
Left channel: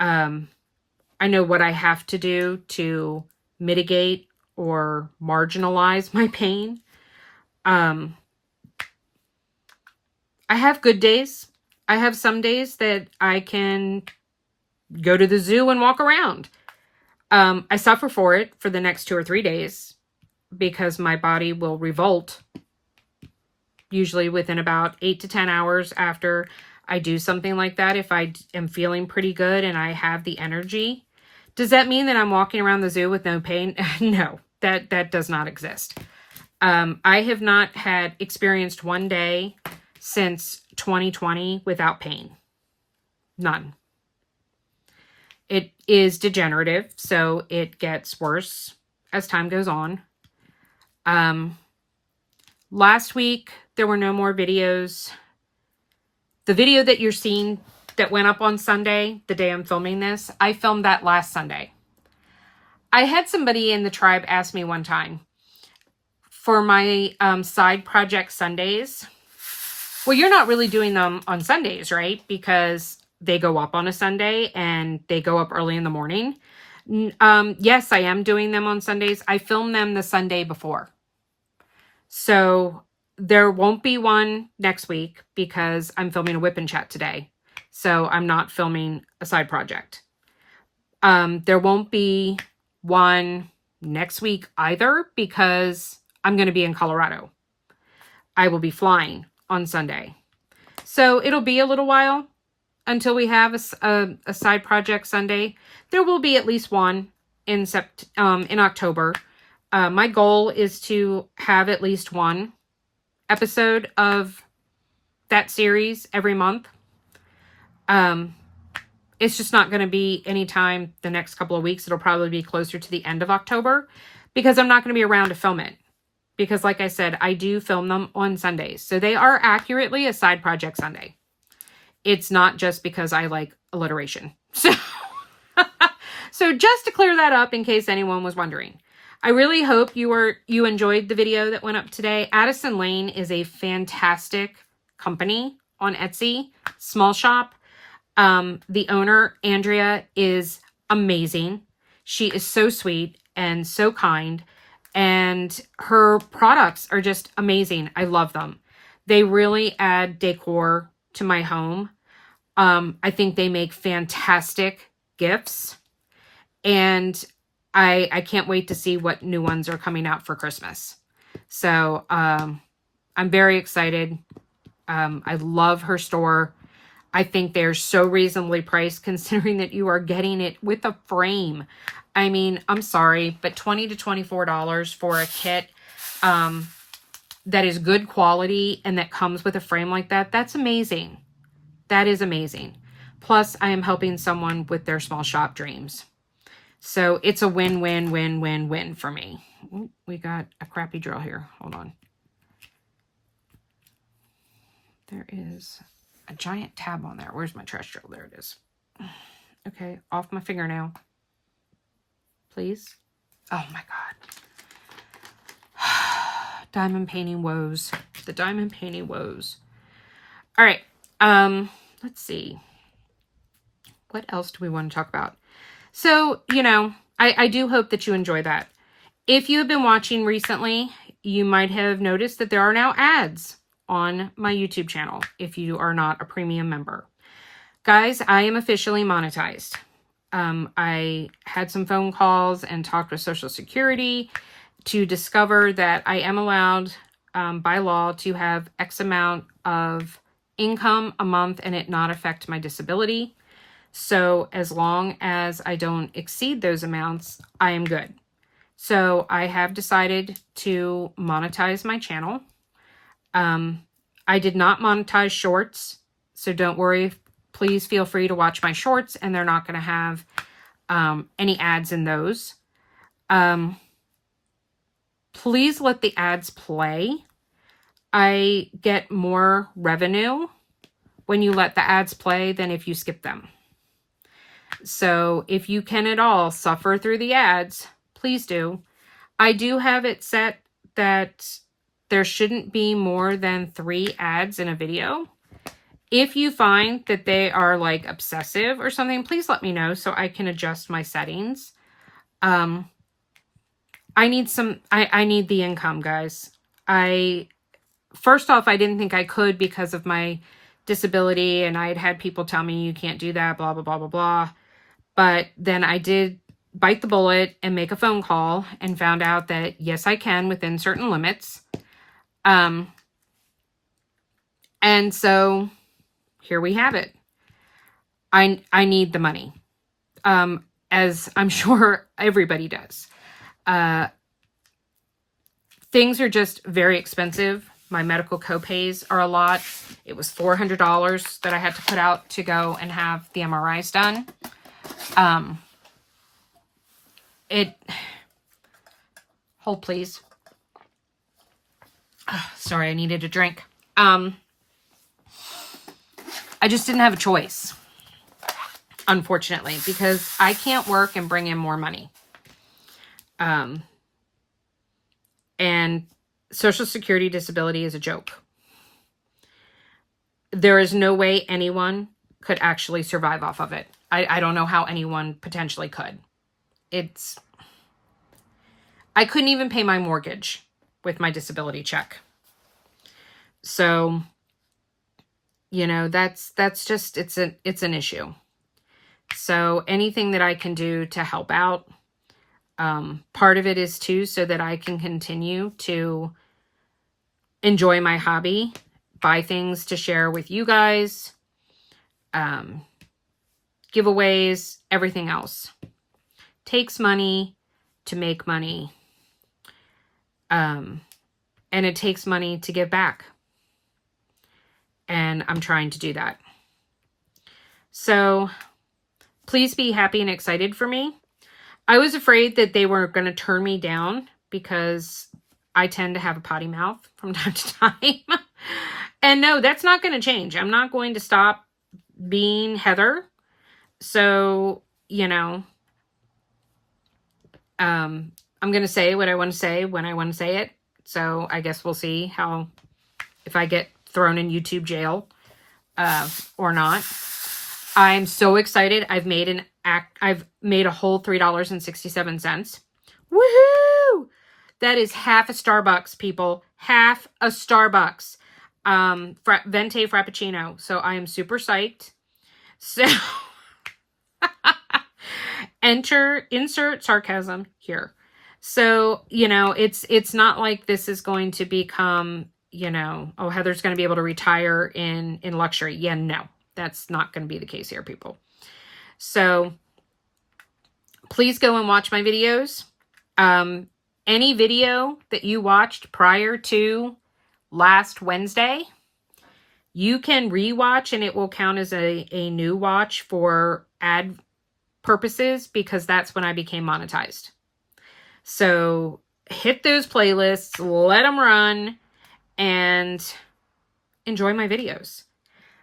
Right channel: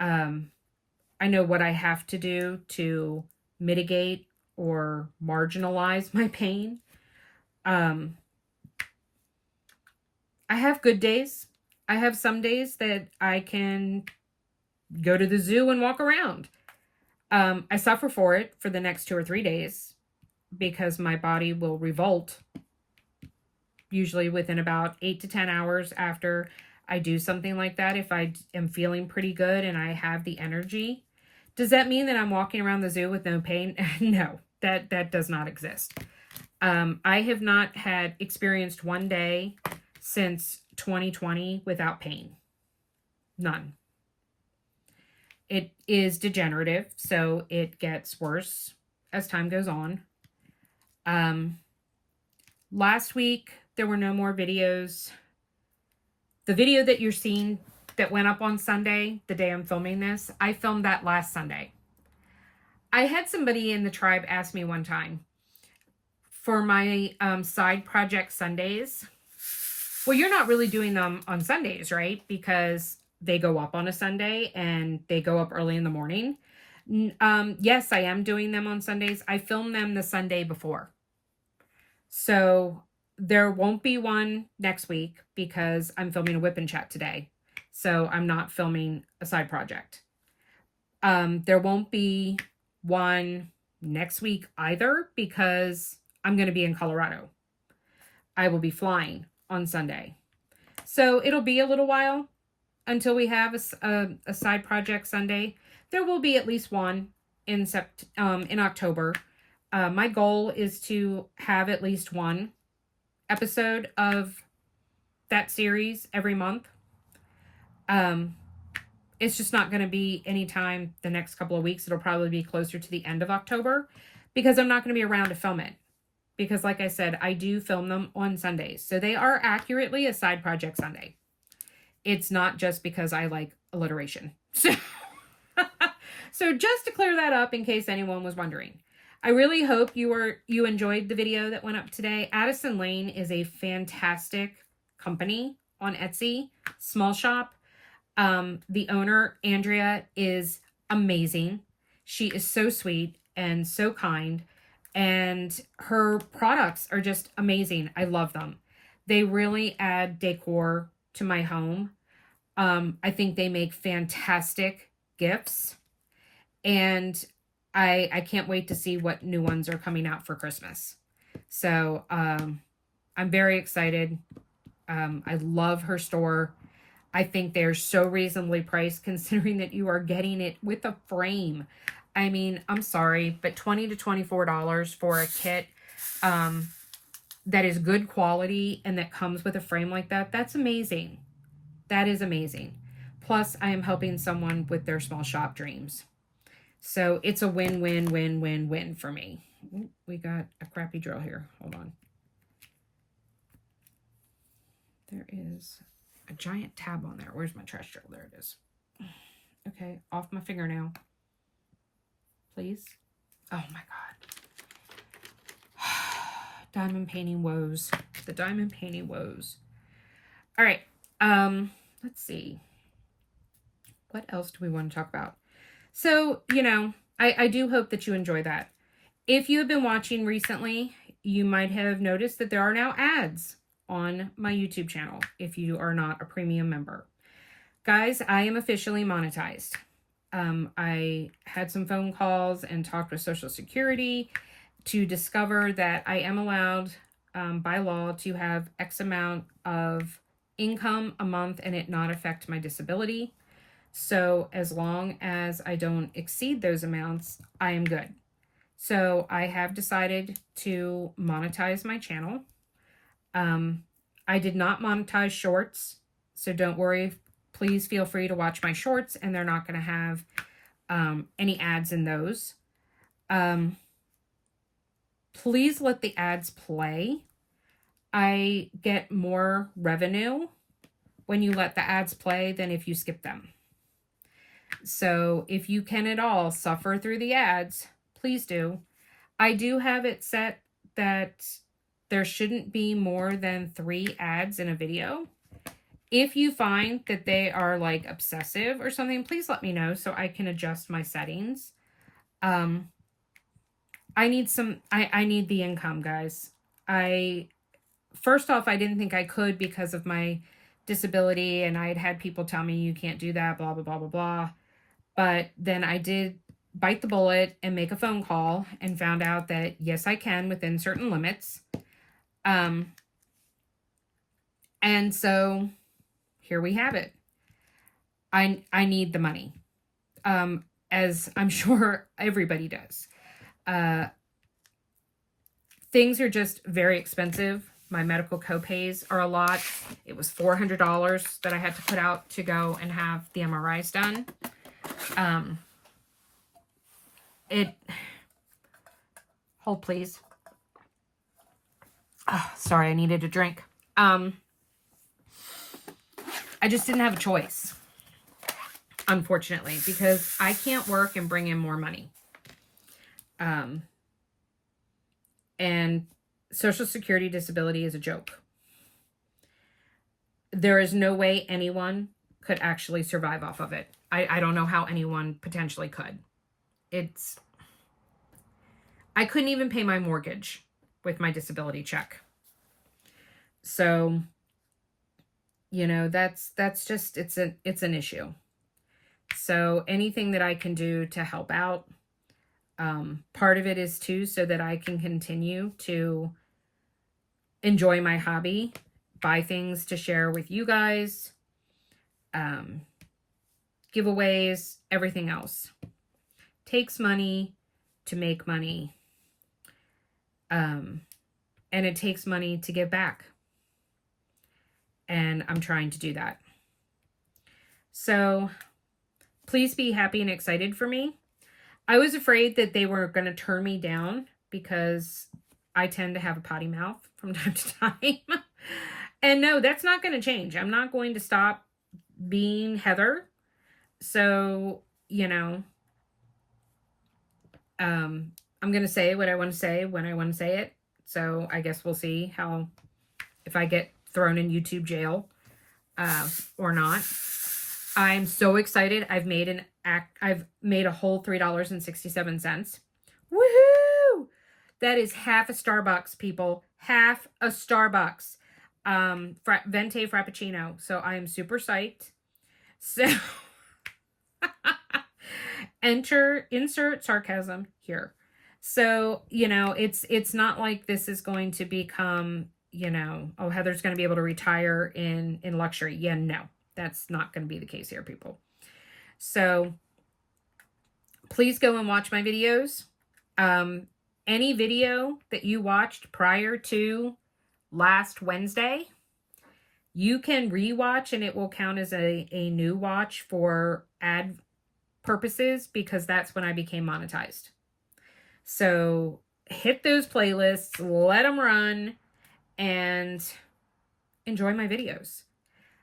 I know what I have to do to mitigate or marginalize my pain. I have good days. I have some days that I can go to the zoo and walk around. I suffer for it for the next 2 or 3 days because my body will revolt usually within about 8 to 10 hours after I do something like that. If I am feeling pretty good and I have the energy. Does that mean that I'm walking around the zoo with no pain? No, that does not exist. I have not experienced one day since 2020 without pain. None. It is degenerative, so it gets worse as time goes on. Last week, there were no more videos. The video that you're seeing that went up on Sunday, the day I'm filming this, I filmed that last Sunday. I had somebody in the tribe ask me one time for my side project Sundays. Well, you're not really doing them on Sundays, right? Because they go up on a Sunday and they go up early in the morning. Yes, I am doing them on Sundays. I film them the Sunday before. So there won't be one next week because I'm filming a WIP CHAT today. So I'm not filming a side project. There won't be one next week either because I'm going to be in Colorado. I will be flying on Sunday. So it'll be a little while until we have a side project Sunday. There will be at least one in October. My goal is to have at least one episode of that series every month. It's just not going to be anytime the next couple of weeks. It'll probably be closer to the end of October because I'm not going to be around to film it. Because like I said, I do film them on Sundays. So they are accurately a side project Sunday. It's not just because I like alliteration. So just to clear that up in case anyone was wondering. I really hope you enjoyed the video that went up today. Addison Lane is a fantastic company on Etsy, small shop. The owner, Andrea, is amazing. She is so sweet and so kind, and her products are just amazing. I love them. They really add decor to my home. I think they make fantastic gifts, and I can't wait to see what new ones are coming out for Christmas. So I'm very excited. I love her store. I think they're so reasonably priced considering that you are getting it with a frame. I mean, I'm sorry, but $20 to $24 for a kit that is good quality and that comes with a frame like that, that's amazing. That is amazing. Plus, I am helping someone with their small shop dreams. So it's a win-win-win-win-win for me. Ooh, we got a crappy drill here. Hold on. There is a giant tab on there. Where's my trash drill? There it is. Okay, off my fingernail. Please. Oh my God. Diamond painting woes. The diamond painting woes. All right. Let's see. What else do we want to talk about? So, you know, I do hope that you enjoy that. If you have been watching recently, you might have noticed that there are now ads on my YouTube channel if you are not a premium member. Guys, I am officially monetized. I had some phone calls and talked with Social Security to discover that I am allowed by law to have X amount of income a month and it not affect my disability. So as long as I don't exceed those amounts, I am good. So I have decided to monetize my channel. I did not monetize shorts, so don't worry. Please feel free to watch my shorts, and they're not going to have any ads in those. Please let the ads play. I get more revenue when you let the ads play than if you skip them. So if you can at all suffer through the ads, please do. I do have it set that there shouldn't be more than 3 ads in a video. If you find that they are like obsessive or something, please let me know so I can adjust my settings. I need the income, guys. First off, I didn't think I could because of my disability, and I had had people tell me you can't do that, blah, blah, blah, blah, blah. But then I did bite the bullet and make a phone call and found out that yes, I can within certain limits. And so here we have it. I need the money, as I'm sure everybody does. Things are just very expensive. My medical copays are a lot. It was $400 that I had to put out to go and have the MRIs done. Hold please. Oh, sorry, I needed a drink. I just didn't have a choice, unfortunately, because I can't work and bring in more money. And Social Security disability is a joke. There is no way anyone could actually survive off of it. I don't know how anyone potentially could. I couldn't even pay my mortgage with my disability check. So, you know, that's just, it's an issue. So anything that I can do to help out, part of it is too, so that I can continue to enjoy my hobby, buy things to share with you guys, giveaways, everything else. Takes money to make money. And it takes money to give back. And I'm trying to do that. So please be happy and excited for me. I was afraid that they were going to turn me down because I tend to have a potty mouth from time to time. And no, that's not going to change. I'm not going to stop being Heather. So, you know, I'm going to say what I want to say when I want to say it. So I guess we'll see if I get thrown in YouTube jail or not. I'm so excited. I've made a whole $3.67. Woohoo! That is half a Starbucks, people. Half a Starbucks. Venti Frappuccino. So I am super psyched. So insert sarcasm here. So, you know, it's not like this is going to become, you know, oh, Heather's going to be able to retire in luxury. Yeah, no, that's not going to be the case here, people. So please go and watch my videos. Any video that you watched prior to last Wednesday, you can rewatch and it will count as a new watch for ad purposes, because that's when I became monetized. So hit those playlists, let them run, and enjoy my videos.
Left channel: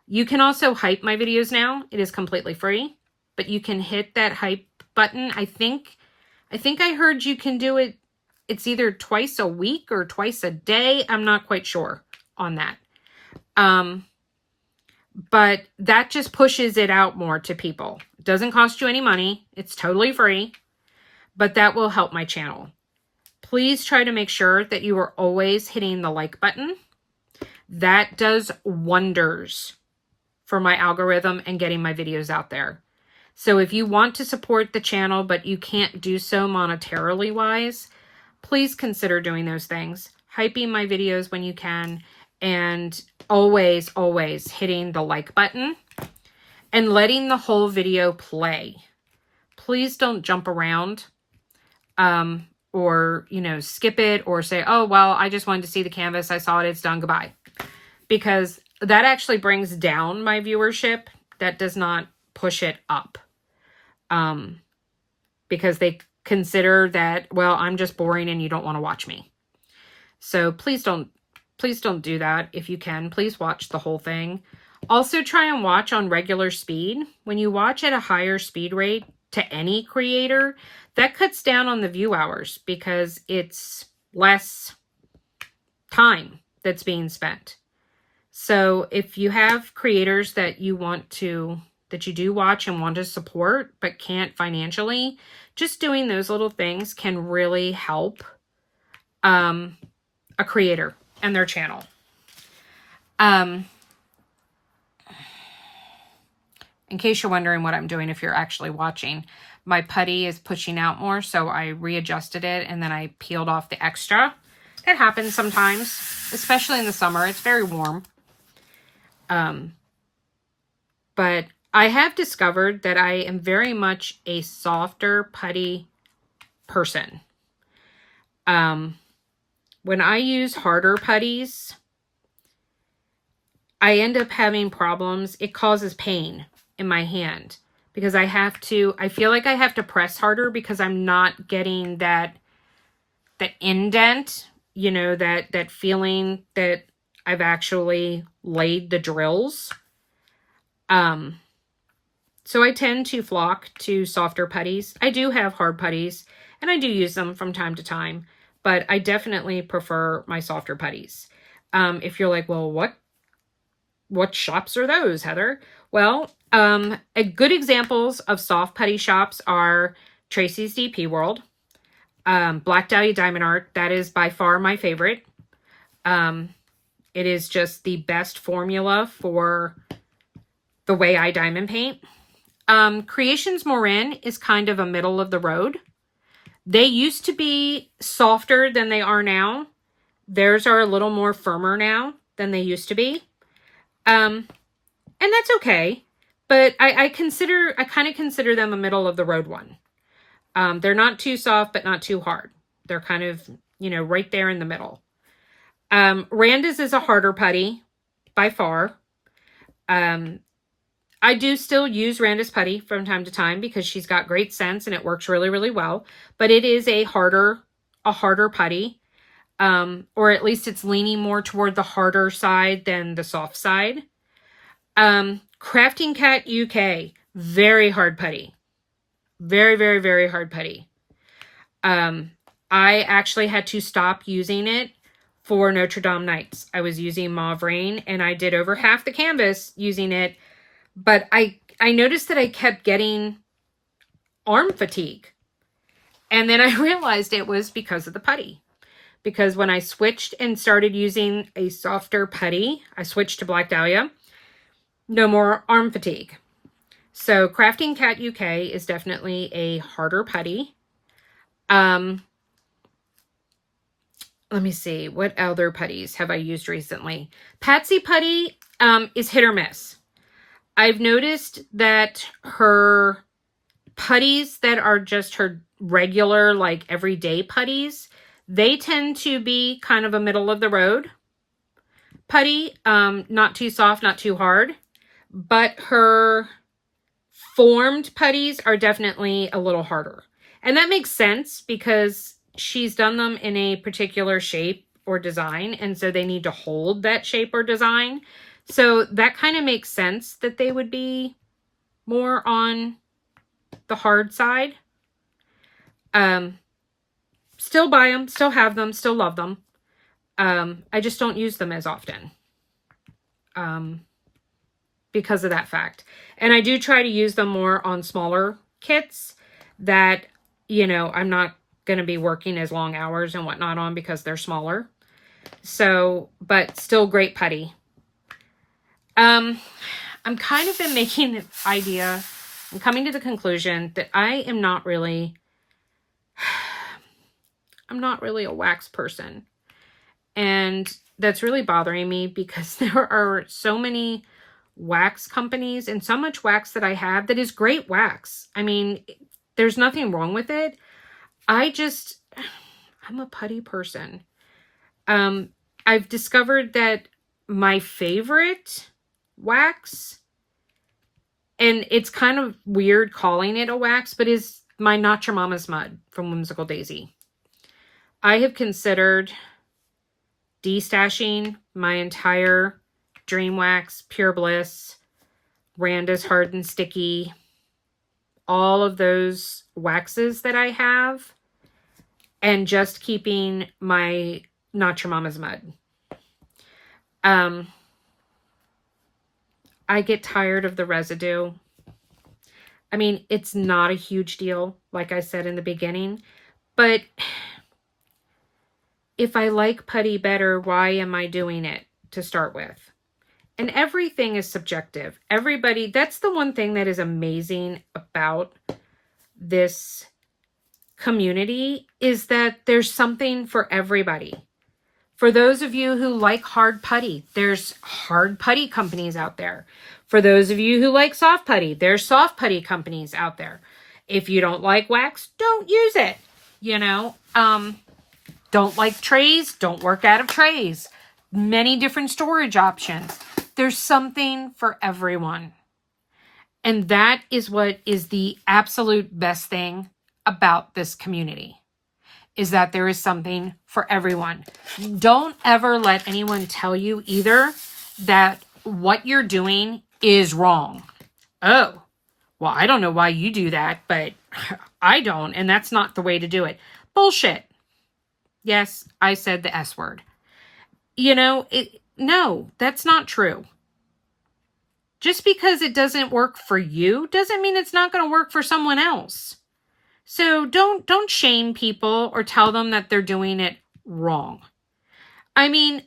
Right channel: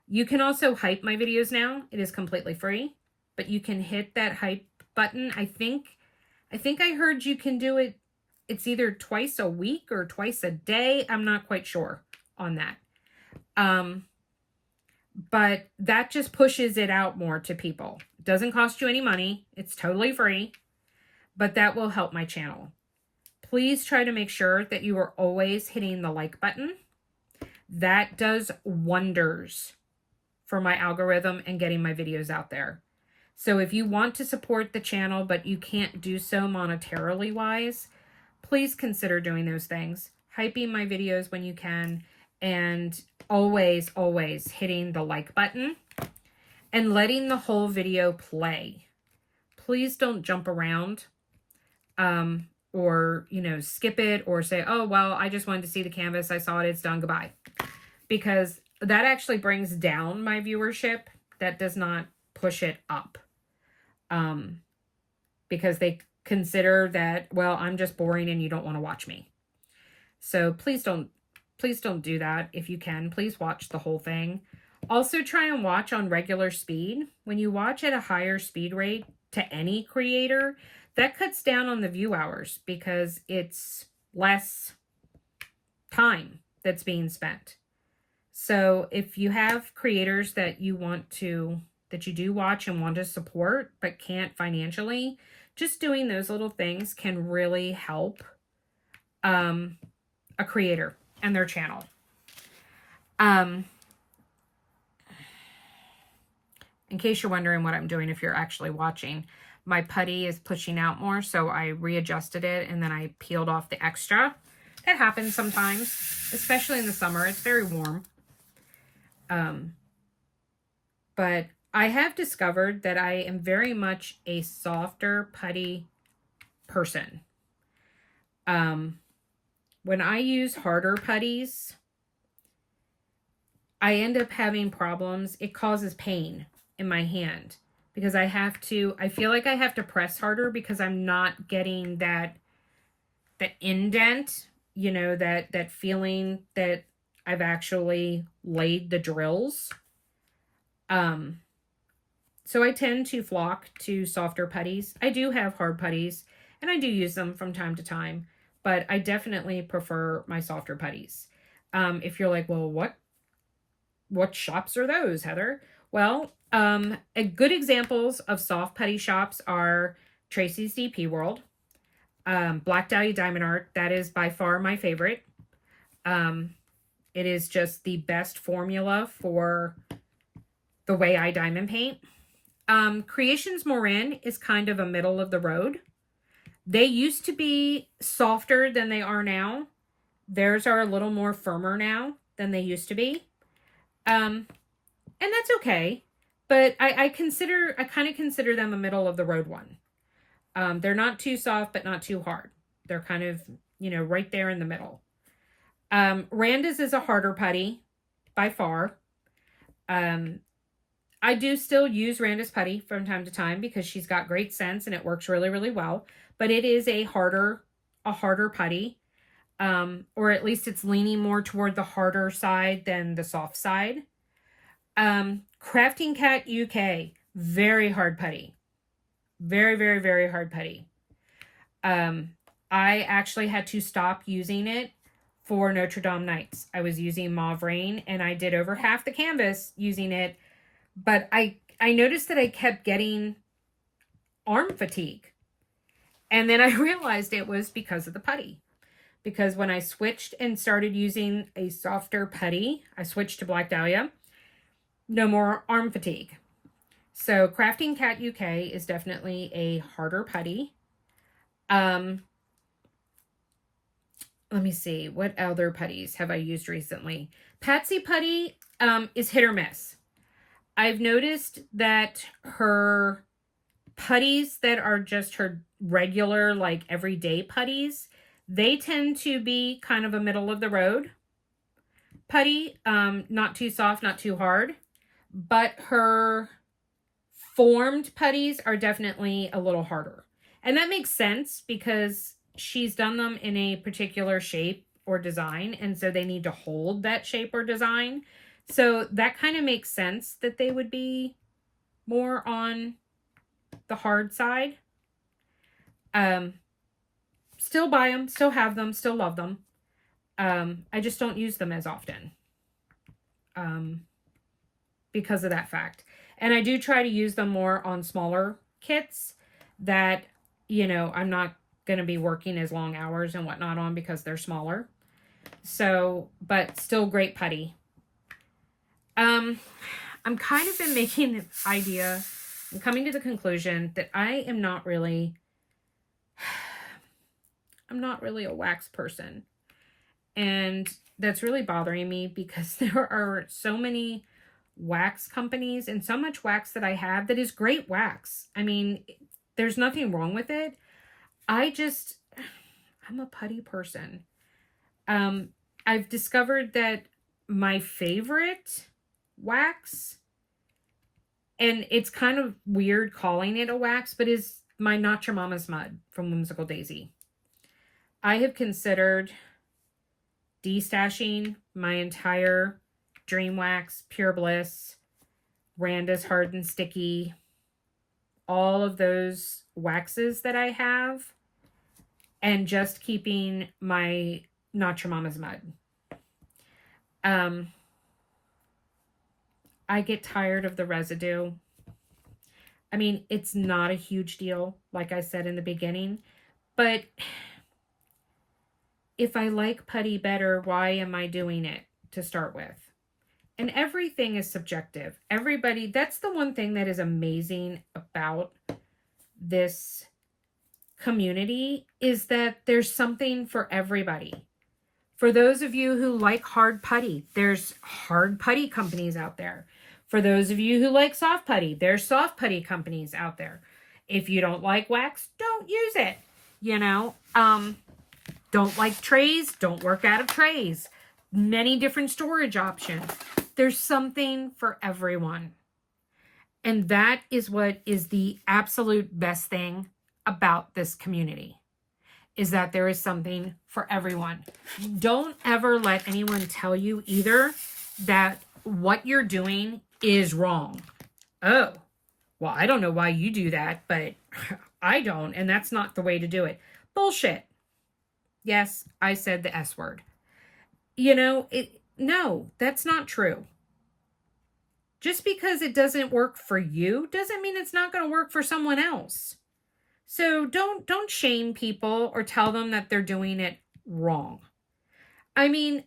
You can also hype my videos now. It is completely free, but you can hit that hype button. I think I heard you can do it. It's either twice a week or twice a day. I'm not quite sure on that. But that just pushes it out more to people. It doesn't cost you any money. It's totally free, but that will help my channel. Please try to make sure that you are always hitting the like button. That does wonders for my algorithm and getting my videos out there. So if you want to support the channel, but you can't do so monetarily wise, please consider doing those things. Hyping my videos when you can, and always, always hitting the like button. and letting the whole video play. Please don't jump around or, you know, skip it or say, oh, well, I just wanted to see the canvas. I saw it. It's done. Goodbye. Because that actually brings down my viewership. That does not push it up. Because they consider that, well, I'm just boring and you don't want to watch me. So please don't do that. If you can, please watch the whole thing. Also try and watch on regular speed. When you watch at a higher speed rate to any creator, that cuts down on the view hours because it's less time that's being spent. So if you have creators that you do watch and want to support, but can't financially, just doing those little things can really help a creator and their channel. In case you're wondering what I'm doing, if you're actually watching, my putty is pushing out more, so I readjusted it and then I peeled off the extra. That happens sometimes, especially in the summer. It's very warm. But I have discovered that I am very much a softer putty person. When I use harder putties, I end up having problems. It causes pain in my hand because I feel like I have to press harder because I'm not getting the indent, you know, that feeling that I've actually laid the drills. So I tend to flock to softer putties. I do have hard putties and I do use them from time to time, but I definitely prefer my softer putties. If you're like, well, what shops are those, Heather? Well, good examples of soft putty shops are Tracy's DP World, Black Dahlia Diamond Art. That is by far my favorite. It is just the best formula for the way I diamond paint. Créations Morin is kind of a middle of the road. They used to be softer than they are now. Theirs are a little more firmer now than they used to be. And that's okay. But I kind of consider them a middle of the road one. They're not too soft, but not too hard. They're kind of, you know, right there in the middle. Randa's is a harder putty by far. I do still use Randa's putty from time to time because she's got great sense and it works really, really well. But it is a harder putty. Or at least it's leaning more toward the harder side than the soft side. Crafting Cat UK, very hard putty. Very, very, very hard putty. I actually had to stop using it for Notre Dame Nights. I was using Mauve Rain and I did over half the canvas using it. But I noticed that I kept getting arm fatigue. And then I realized it was because of the putty. Because when I switched and started using a softer putty, I switched to Black Dahlia. No more arm fatigue. So Crafting Cat UK is definitely a harder putty. Let me see. What other putties have I used recently? Patsy Putty is hit or miss. I've noticed that her putties that are just her regular, like everyday putties, they tend to be kind of a middle of the road putty. Not too soft, not too hard. But her formed putties are definitely a little harder. And that makes sense because she's done them in a particular shape or design. And so they need to hold that shape or design. So that kind of makes sense that they would be more on the hard side. Still buy them, still have them, still love them. I just don't use them as often because of that fact. And I do try to use them more on smaller kits that, you know, I'm not going to be working as long hours and whatnot on because they're smaller. So, but still great putty. I'm kind of been making the idea, I'm coming to the conclusion that I'm not really a wax person. And that's really bothering me because there are so many wax companies and so much wax that I have that is great wax. I mean, there's nothing wrong with it. I'm a putty person. I've discovered that my favorite wax, and it's kind of weird calling it a wax, but is my Not Your Mama's Mud from Whimsical Daisy. I have considered destashing my entire Dream Wax, Pure Bliss, Randa's Hard and Sticky, all of those waxes that I have, and just keeping my Not Your Mama's Mud. I get tired of the residue. I mean, it's not a huge deal, like I said in the beginning, but if I like putty better, why am I doing it to start with? And everything is subjective. Everybody, that's the one thing that is amazing about this community, is that there's something for everybody. For those of you who like hard putty, there's hard putty companies out there. For those of you who like soft putty, there's soft putty companies out there. If you don't like wax, don't use it. You know, don't like trays, don't work out of trays. Many different storage options. There's something for everyone. And that is what is the absolute best thing about this community, is that there is something for everyone. Don't ever let anyone tell you either that what you're doing is wrong. Oh, well, I don't know why you do that, but I don't, and that's not the way to do it. Bullshit. Yes, I said the S word. You know, no, that's not true. Just because it doesn't work for you doesn't mean it's not going to work for someone else. So don't shame people or tell them that they're doing it wrong. I mean,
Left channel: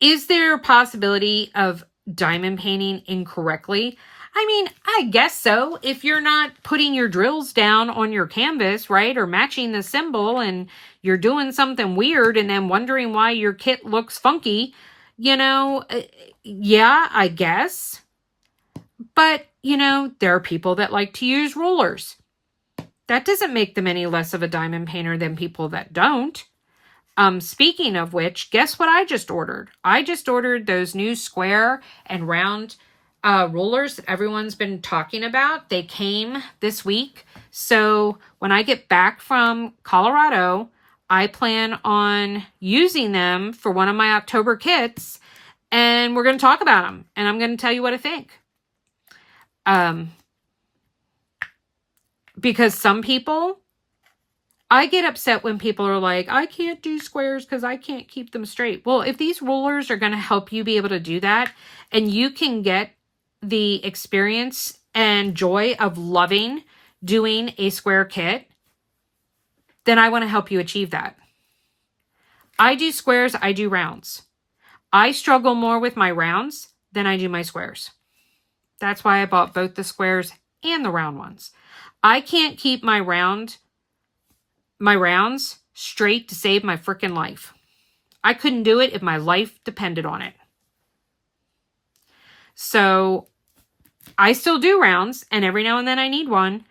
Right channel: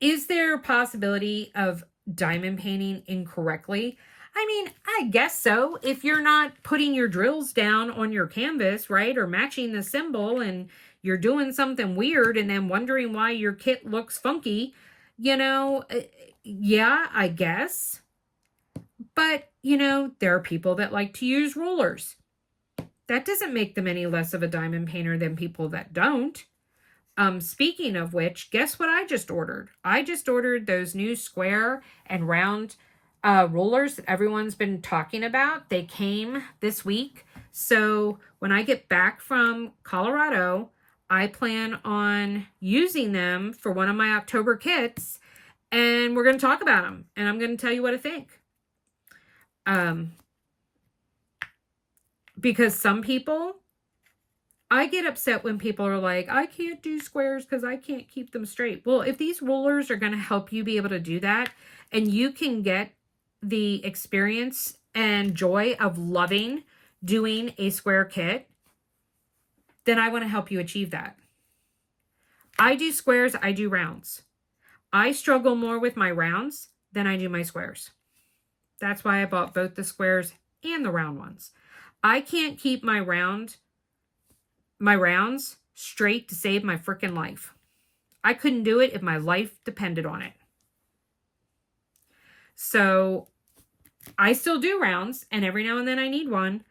is there a possibility of diamond painting incorrectly? I mean, I guess so. If you're not putting your drills down on your canvas, right, or matching the symbol, and you're doing something weird and then wondering why your kit looks funky, you know, yeah, I guess. But, you know, there are people that like to use rulers. That doesn't make them any less of a diamond painter than people that don't. Speaking of which, guess what I just ordered? I just ordered those new square and round rulers that everyone's been talking about. They came this week. So when I get back from Colorado, I plan on using them for one of my October kits. And we're going to talk about them. And I'm going to tell you what I think. Because some people, I get upset when people are like, I can't do squares because I can't keep them straight. Well, if these rulers are going to help you be able to do that, and you can get the experience and joy of loving doing a square kit, then I want to help you achieve that. I do squares, I do rounds. I struggle more with my rounds than I do my squares. That's why I bought both the squares and the round ones. I can't keep my rounds straight to save my freaking life. I couldn't do it if my life depended on it. So I still do rounds, and every now and then I need one.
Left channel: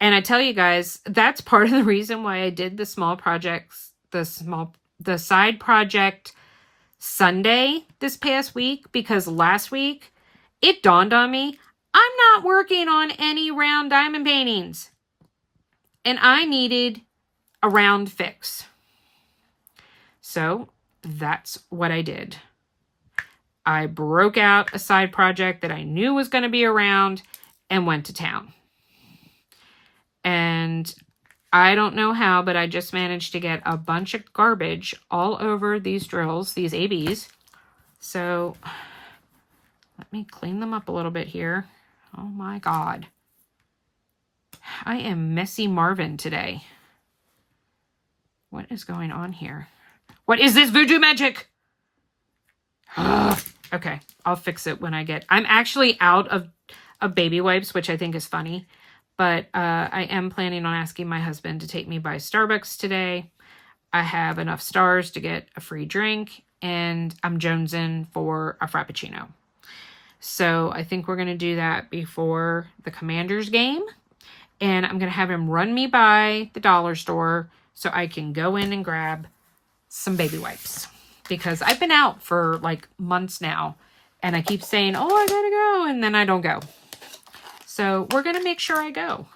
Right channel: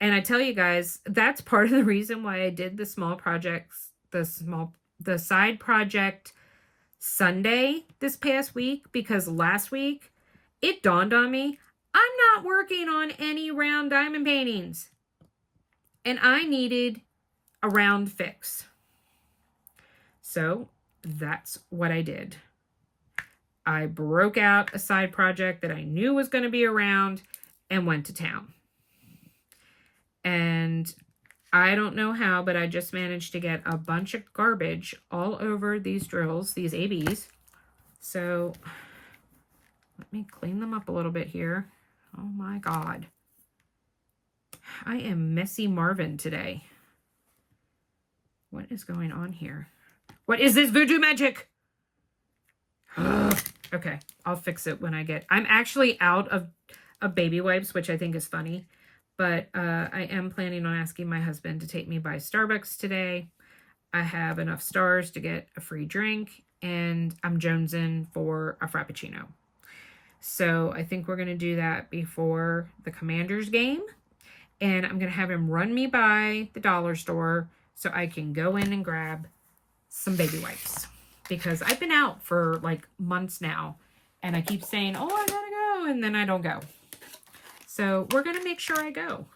And I tell you guys, that's part of the reason why I did the small projects, the side project Sunday this past week, because last week it dawned on me, I'm not working on any round diamond paintings. And I needed a round fix. So that's what I did. I broke out a side project that I knew was going to be around and went to town. And I don't know how, but I just managed to get a bunch of garbage all over these drills, these ABs. So let me clean them up a little bit here. Oh my God. I am messy Marvin today. What is going on here? What is this voodoo magic? Okay, I'll fix it when I get... I'm actually out of baby wipes, which I think is funny. But I am planning on asking my husband to take me by Starbucks today. I have enough stars to get a free drink. And I'm jonesing for a Frappuccino. So I think we're going to do that before the Commanders game. And I'm going to have him run me by the dollar store so I can go in and grab some baby wipes. Because I've been out for like months now. And I keep saying, oh, I gotta go. And then I don't go. So we're going to make sure I go.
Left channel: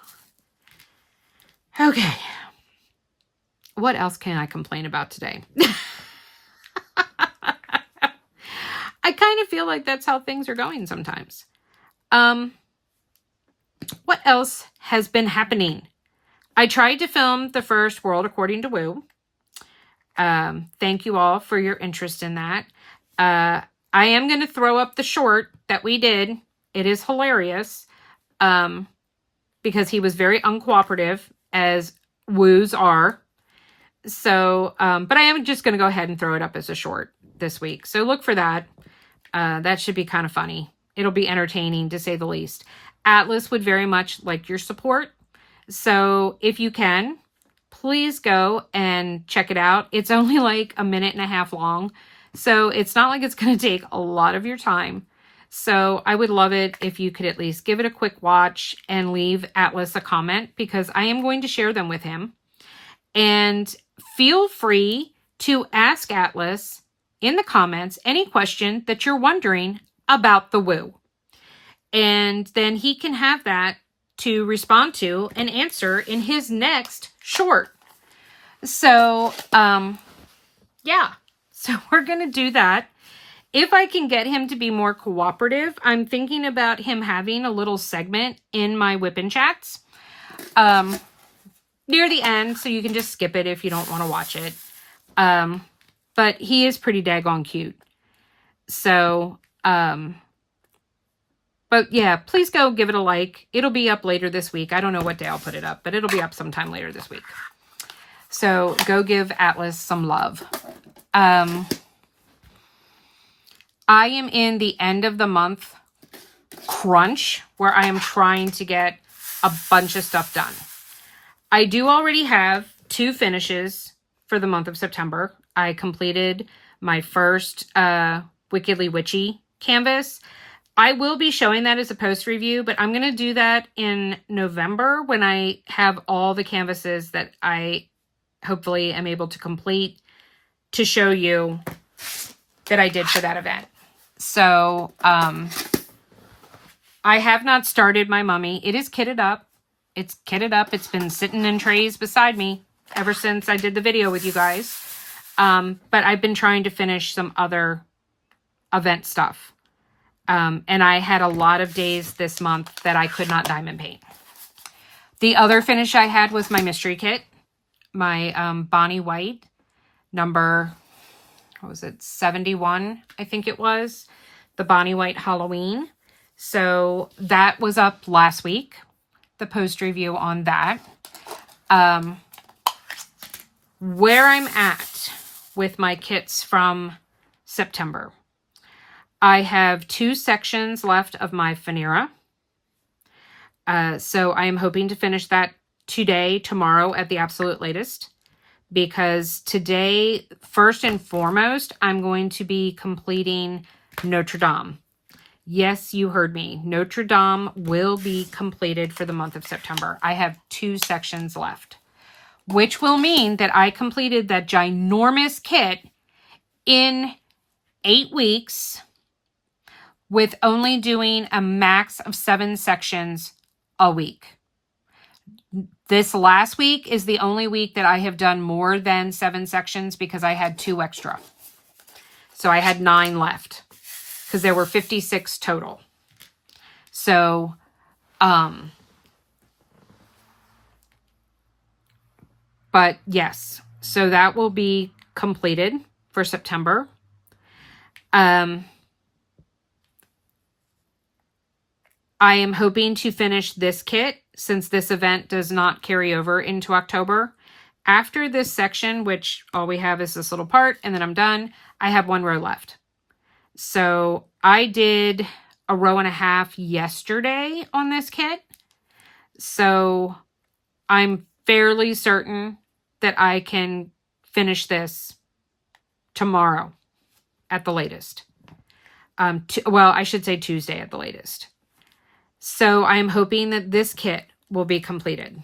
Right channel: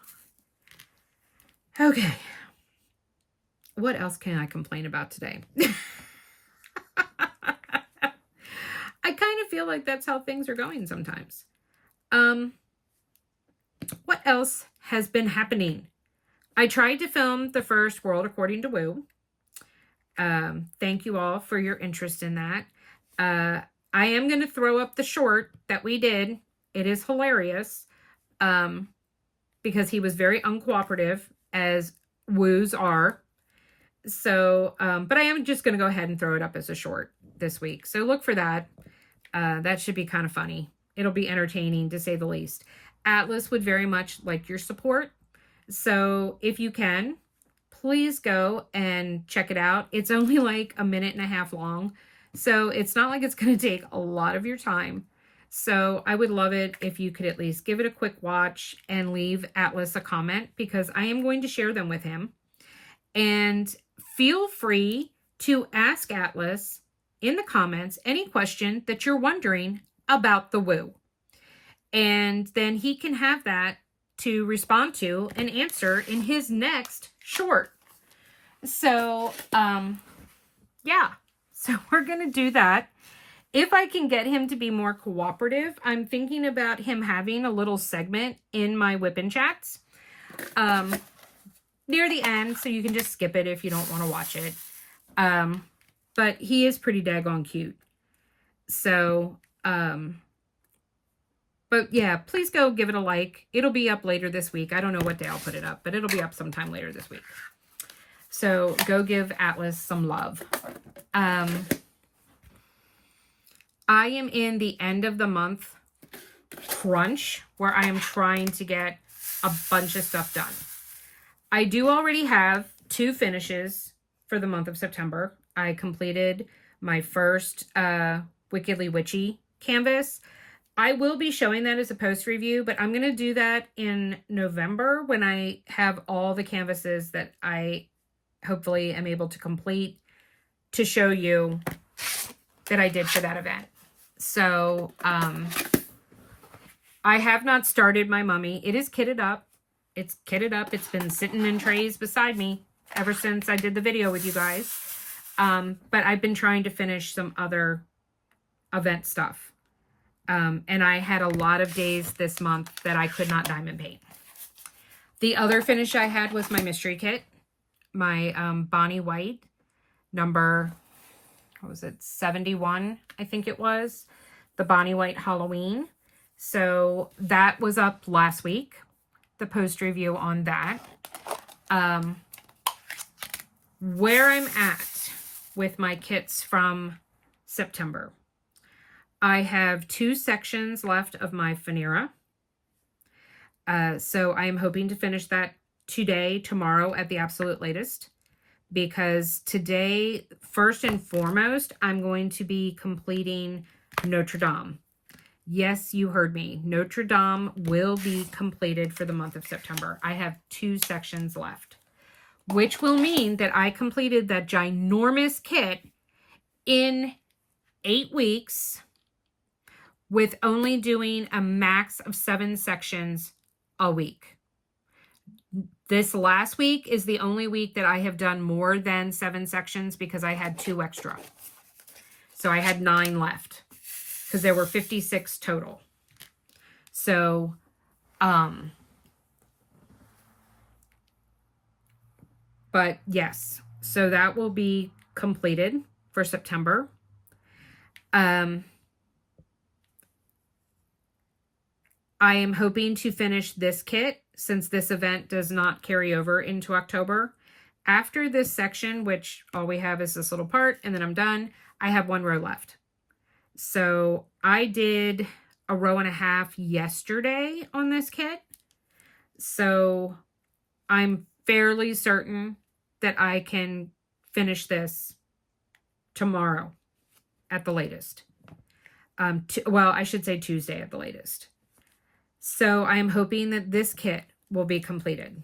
Okay. What else can I complain about today? I kind of feel like that's how things are going sometimes. What else has been happening? I tried to film the first World According to Woo. Thank you all for your interest in that. I am going to throw up the short that we did. It is hilarious because he was very uncooperative, as woos are. So, but I am just going to go ahead and throw it up as a short this week. So look for that. That should be kind of funny. It'll be entertaining, to say the least. Atlas would very much like your support. So if you can, please go and check it out. It's only like 1.5 minutes long. So it's not like it's going to take a lot of your time. So I would love it if you could at least give it a quick watch and leave Atlas a comment, because I am going to share them with him. And feel free to ask Atlas in the comments any question that you're wondering about the woo. And then he can have that to respond to and answer in his next short. So, yeah. So we're going to do that. If I can get him to be more cooperative, I'm thinking about him having a little segment in my WIP chats near the end, so you can just skip it if you don't want to watch it. But he is pretty daggone cute. So, but yeah, please go give it a like. It'll be up later this week. I don't know what day I'll put it up, but it'll be up sometime later this week. So go give Atlas some love. I am in the end of the month crunch where I am trying to get a bunch of stuff done. I do already have 2 finishes for the month of September. I completed my first Wickedly Witchy canvas. I will be showing that as a post review, but I'm going to do that in November when I have all the canvases that I hopefully am able to complete to show you that I did for that event. So I have not started my mummy. It is kitted up. It's kitted up. It's been sitting in trays beside me ever since I did the video with you guys. But I've been trying to finish some other event stuff. And I had a lot of days this month that I could not diamond paint. The other finish I had was my mystery kit. My Bonnie White number, what was it, 71, I think it was. The Bonnie White Halloween. So that was up last week. The post review on that. Where I'm at with my kits from September. I have 2 sections left of my Fanera. So I am hoping to finish that today, tomorrow at the absolute latest. Because today, first and foremost, I'm going to be completing Notre Dame. Yes, you heard me. Notre Dame will be completed for the month of September. I have 2 sections left, which will mean that I completed that ginormous kit in 8 weeks with only doing a max of 7 sections a week. This last week is the only week that I have done more than 7 sections because I had 2 extra. So I had 9 left because there were 56 total. So, but yes, so that will be completed for September. I am hoping to finish this kit since this event does not carry over into October. After this section, which all we have is this little part, and then I'm done, I have 1 row left. So I did a 1.5 rows yesterday on this kit. So I'm fairly certain that I can finish this tomorrow at the latest. Well, I should say Tuesday at the latest. So I'm hoping that this kit will be completed,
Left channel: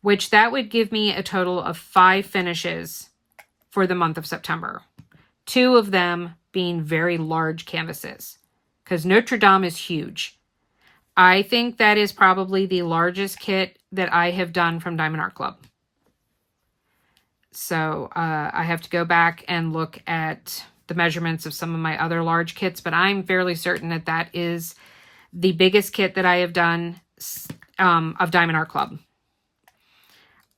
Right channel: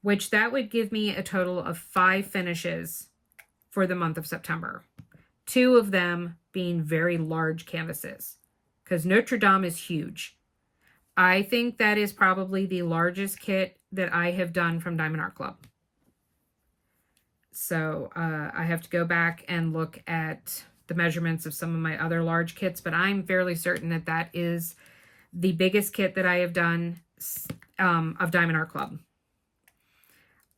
which that would give me a total of 5 finishes for the month of September. 2 of them being very large canvases, because Notre Dame is huge. I think that is probably the largest kit that I have done from Diamond Art Club. So I have to go back and look at the measurements of some of my other large kits, but I'm fairly certain that that is the biggest kit that I have done of Diamond Art Club.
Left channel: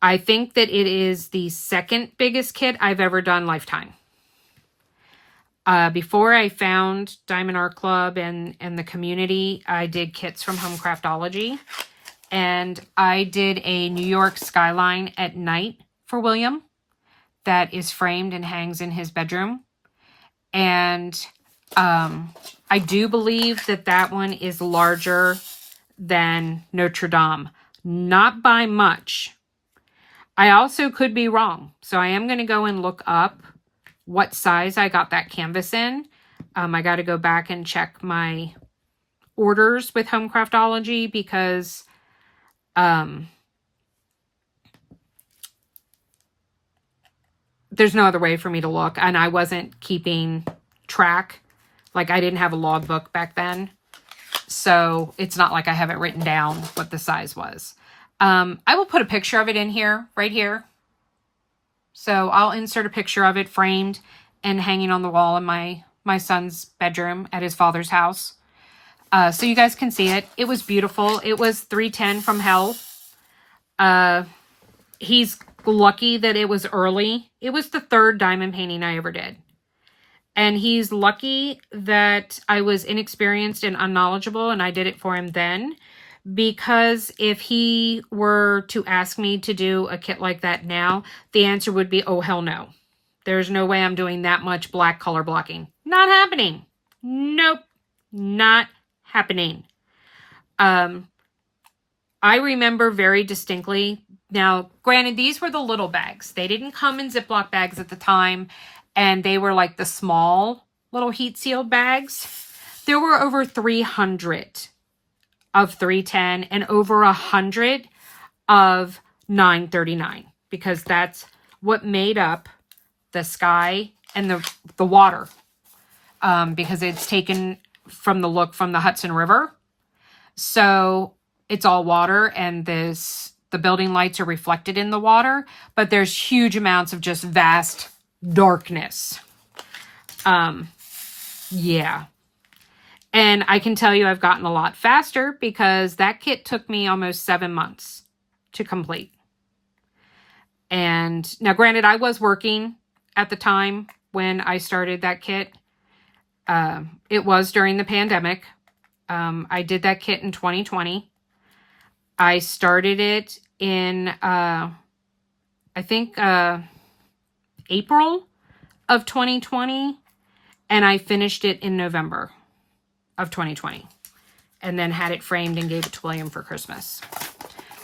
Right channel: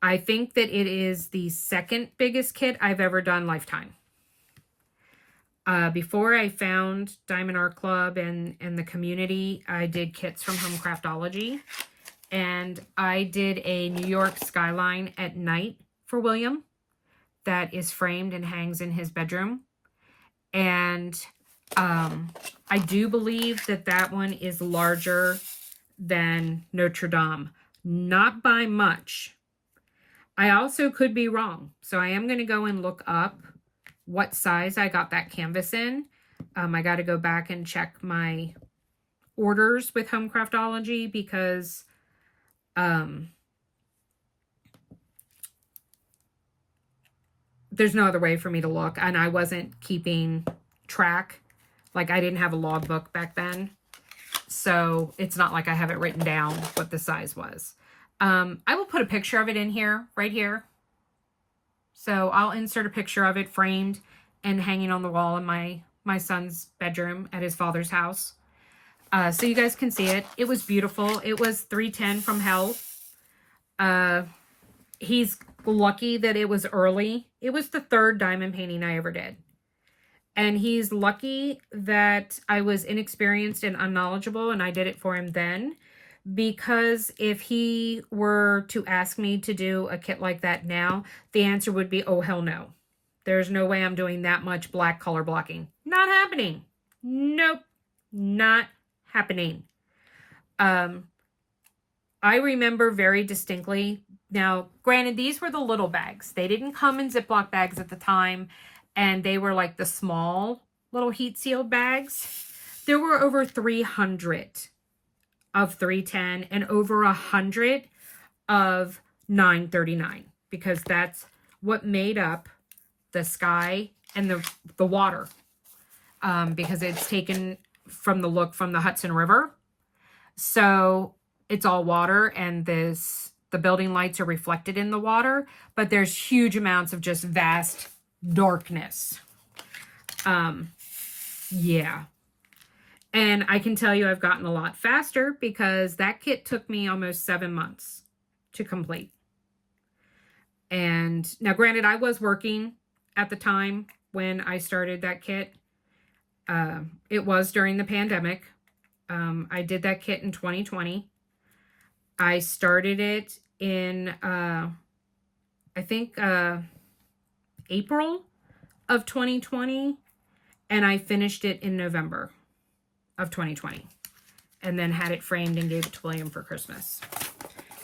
I think that it is the second biggest kit I've ever done lifetime. Before I found Diamond Art Club and the community, I did kits from Home Craftology. And I did a New York skyline at night for William that is framed and hangs in his bedroom. And I do believe that that one is larger than Notre Dame. Not by much. I also could be wrong. So I am going to go and look up what size I got that canvas in. I got to go back and check my orders with Home Craftology because there's no other way for me to look, and I wasn't keeping track. Like, I didn't have a logbook back then, so it's not like I have it written down what the size was. I will put a picture of it in here, right here. So I'll insert a picture of it framed and hanging on the wall in my son's bedroom at his father's house. So you guys can see it. It was beautiful. It was 310 from hell. He's lucky that it was early. It was the 3rd diamond painting I ever did. And he's lucky that I was inexperienced and unknowledgeable and I did it for him then. Because if he were to ask me to do a kit like that now, the answer would be, oh, hell no. There's no way I'm doing that much black color blocking. Not happening. Nope. Not happening. I remember very distinctly. Now, granted, these were the little bags. They didn't come in Ziploc bags at the time, and they were like the small little heat sealed bags. There were over 300 of 310 and over 100 of 939 because that's what made up the sky and the water because it's taken from the look from the Hudson River. So it's all water and the building lights are reflected in the water, but there's huge amounts of just vast darkness. Yeah. And I can tell you I've gotten a lot faster because that kit took me almost 7 months to complete. And now granted, I was working at the time when I started that kit. It was during the pandemic. I did that kit in 2020. I started it in, I think, April of 2020. And I finished it in November of 2020. And then had it framed and gave it to William for Christmas.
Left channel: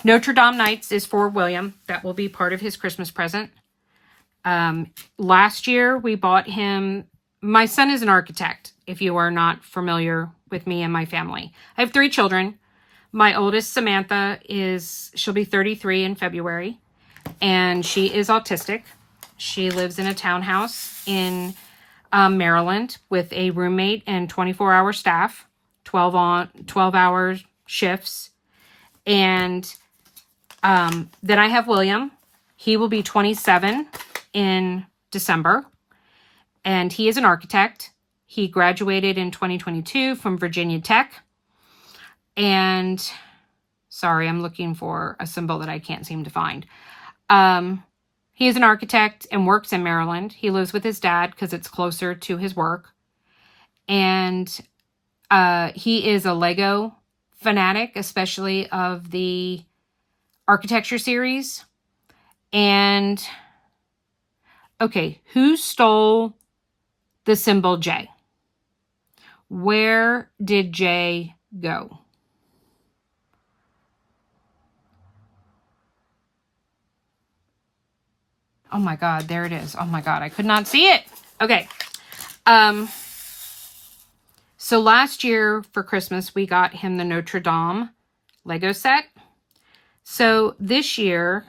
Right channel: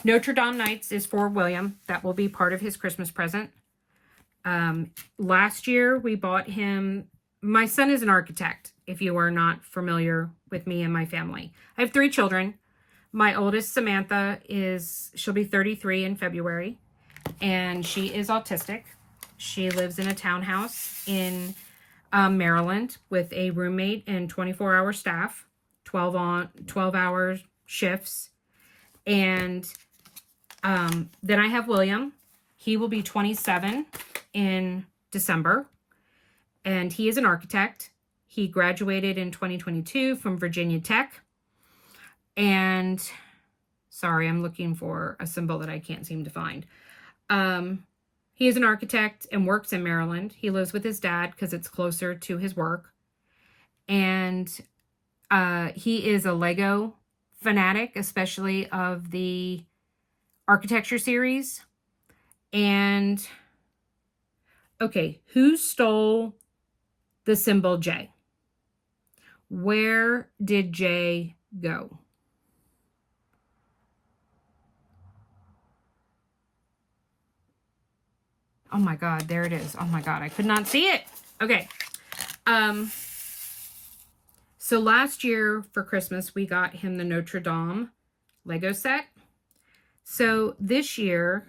Notre Dame Nights is for William. That will be part of his Christmas present. Last year, we bought him... My son is an architect, if you are not familiar with me and my family. I have 3 children. My oldest, Samantha, she'll be 33 in February. And she is autistic. She lives in a townhouse in Maryland with a roommate and 24-hour staff, 12-hour shifts. And then I have William. He will be 27 in December. And he is an architect. He graduated in 2022 from Virginia Tech. And, sorry, I'm looking for a symbol that I can't seem to find. He is an architect and works in Maryland. He lives with his dad because it's closer to his work. And he is a Lego fanatic, especially of the architecture series. And, okay, who stole the symbol J? Where did J go? Oh my God, there it is. Oh my God, I could not see it. Okay. So last year for Christmas, we got him the Notre Dame Lego set. So this year,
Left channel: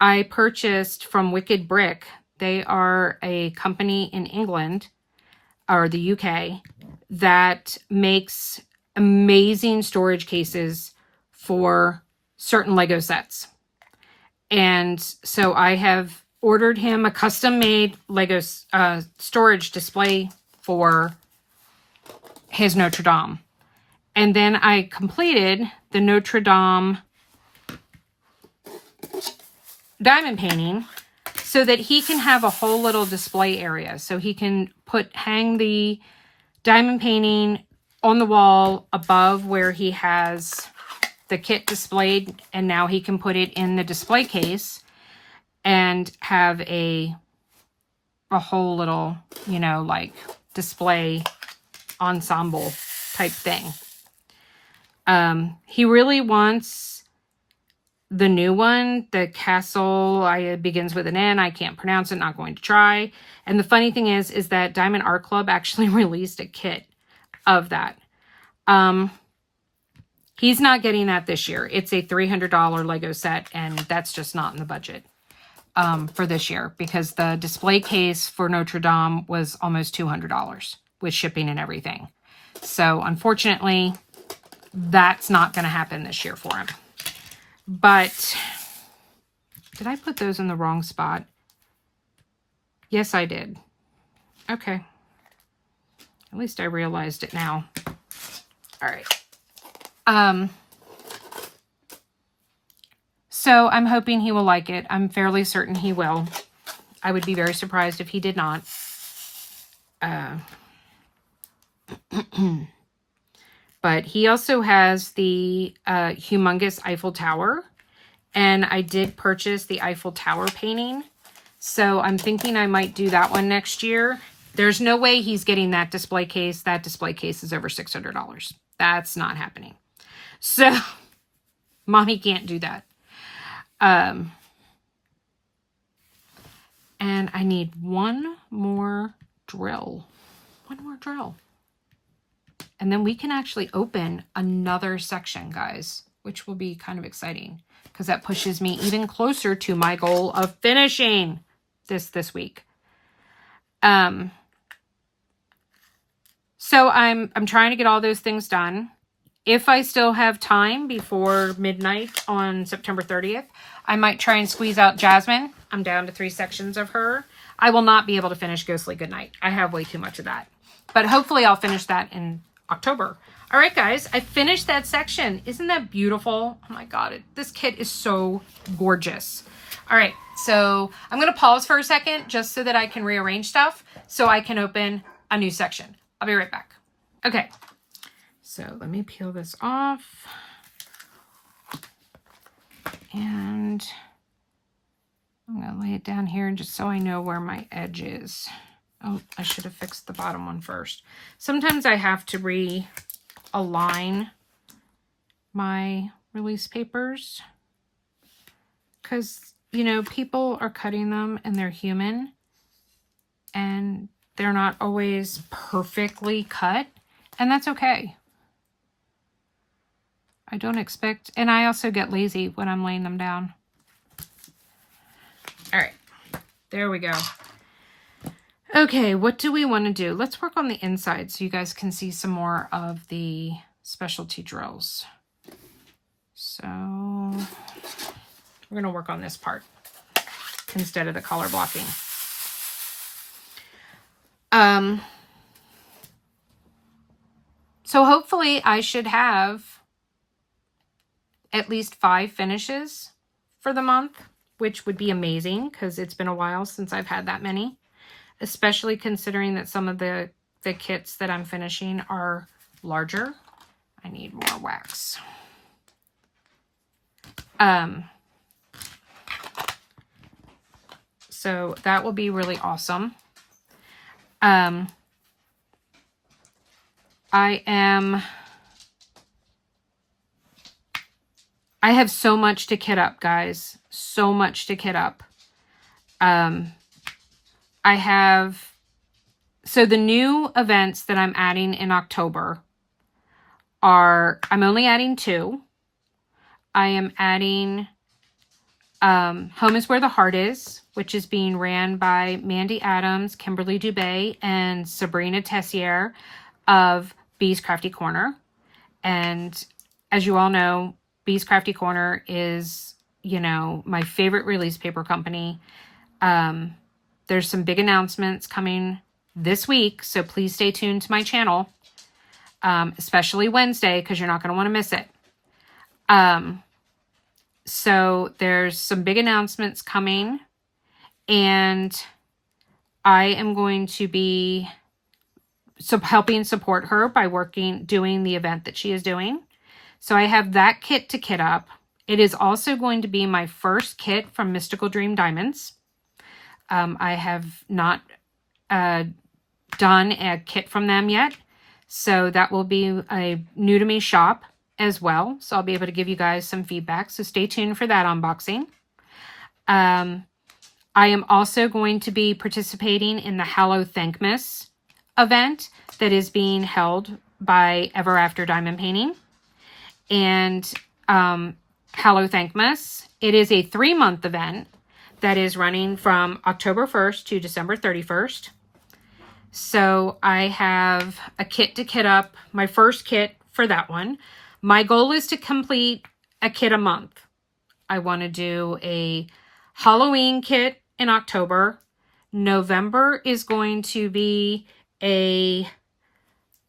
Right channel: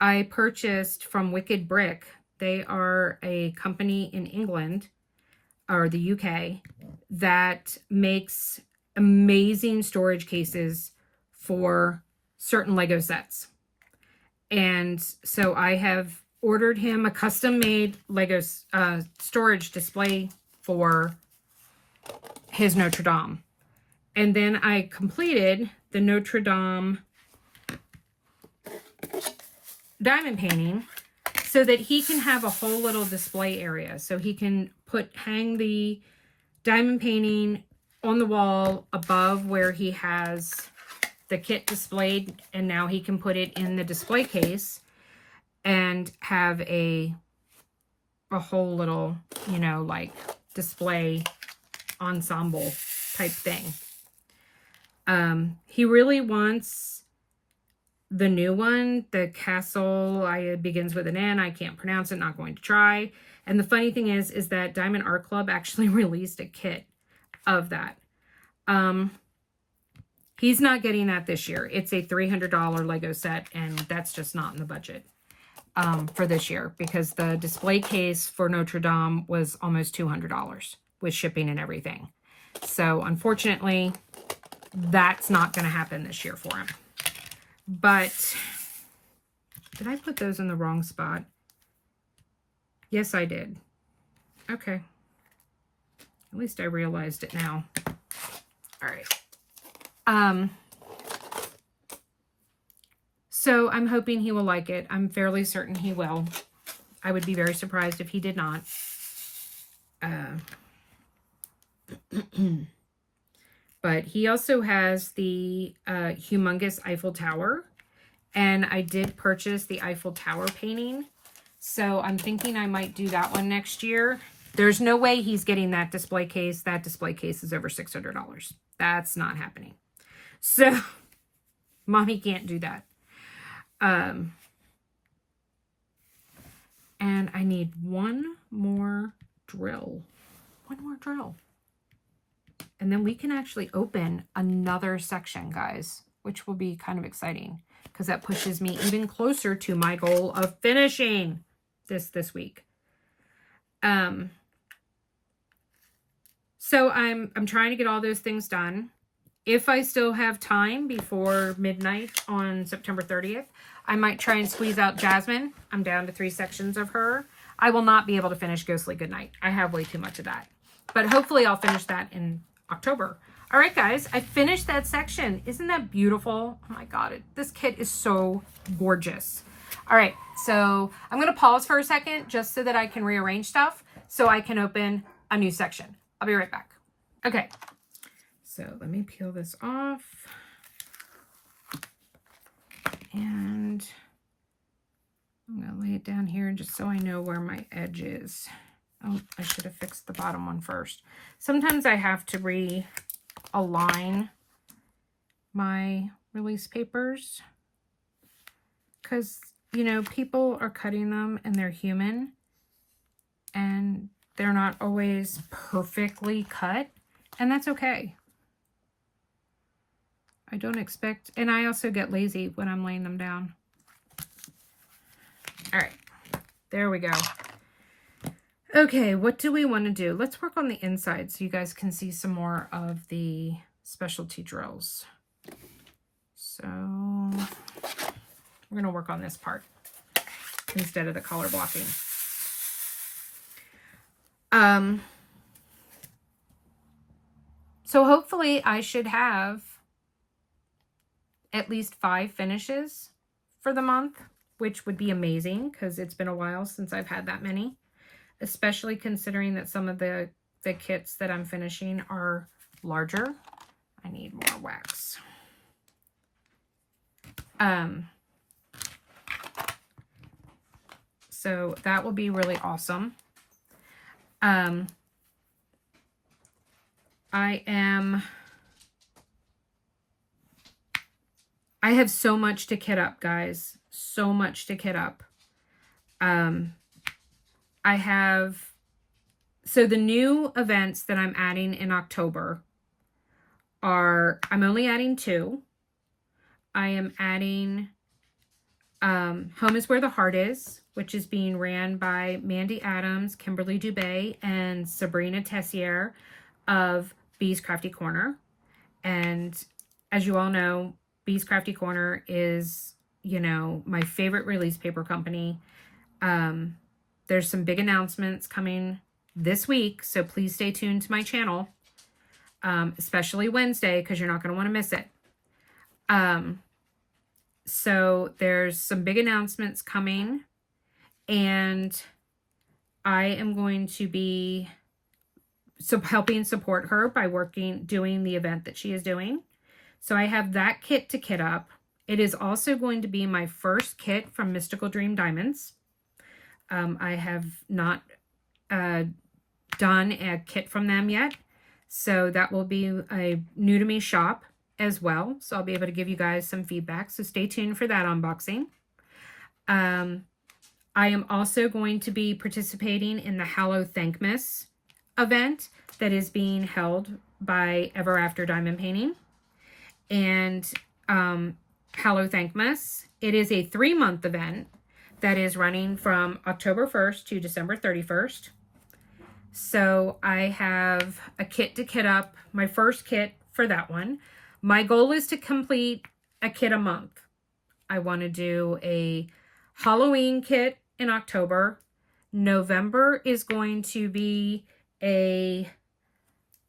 I purchased from Wicked Brick. They are a company in England, or the UK, that makes amazing storage cases for certain Lego sets. And so I have ordered him a custom-made Lego storage display for his Notre Dame. And then I completed the Notre Dame diamond painting so that he can have a whole little display area. So he can hang the diamond painting on the wall above where he has the kit displayed, and now he can put it in the display case and have a whole little, you know, like display ensemble type thing. He really wants the new one, the castle, it begins with an N. I can't pronounce it, not going to try. And the funny thing is that Diamond Art Club actually released a kit of that. He's not getting that this year. It's a $300 Lego set, and that's just not in the budget for this year, because the display case for Notre Dame was almost $200 with shipping and everything. So unfortunately, that's not going to happen this year for him. But did I put those in the wrong spot? Yes, I did. Okay. At least I realized it now. All right. So I'm hoping he will like it. I'm fairly certain he will. I would be very surprised if he did not. But he also has the humongous Eiffel Tower. And I did purchase the Eiffel Tower painting. So I'm thinking I might do that one next year. There's no way he's getting that display case. That display case is over $600. That's not happening. So Mommy can't do that. And I need one more drill. One more drill. And then we can actually open another section, guys, which will be kind of exciting because that pushes me even closer to my goal of finishing this week. So I'm trying to get all those things done. If I still have time before midnight on September 30th, I might try and squeeze out Jasmine. I'm down to 3 sections of her. I will not be able to finish Ghostly Goodnight. I have way too much of that. But hopefully I'll finish that in October. All right, guys, I finished that section. Isn't that beautiful? Oh my God, this kit is so gorgeous. All right, so I'm going to pause for a second just so that I can rearrange stuff so I can open a new section. I'll be right back. Okay, so let me peel this off. And I'm going to lay it down here just so I know where my edge is. Oh, I should have fixed the bottom one first. Sometimes I have to realign my release papers because, you know, people are cutting them and they're human and they're not always perfectly cut, and that's okay. I don't expect, and I also get lazy when I'm laying them down. All right, there we go. Okay, what do we want to do? Let's work on the inside so you guys can see some more of the specialty drills. So we're going to work on this part instead of the color blocking. So hopefully I should have at least 5 finishes for the month, which would be amazing because it's been a while since I've had that many, especially considering that some of the kits that I'm finishing are larger. I need more wax. So that will be really awesome. I have so much to kit up, guys. So much to kit up. I have So the new events that I'm adding in October are, I'm only adding 2. I am adding Home is Where the Heart Is, which is being ran by Mandy Adams, Kimberly Dubé, and Sabrina Tessier of Bee's Crafty Corner. And as you all know, Bee's Crafty Corner is, you know, my favorite release paper company. There's some big announcements coming this week, so please stay tuned to my channel, especially Wednesday, because you're not going to want to miss it. So there's some big announcements coming, and I am going to be helping support her by doing the event that she is doing. So I have that kit to kit up. It is also going to be my first kit from Mystical Dream Diamonds. I have not done a kit from them yet, so that will be a new to me shop as well. So I'll be able to give you guys some feedback. So stay tuned for that unboxing. I am also going to be participating in the Hallow Thankmas event that is being held by Ever After Diamond Painting. And Hallow Thankmas, it is a 3-month event that is running from October 1st to December 31st. So I have a kit to kit up, my first kit for that one. My goal is to complete a kit a month. I want to do a Halloween kit in October. November is going to be a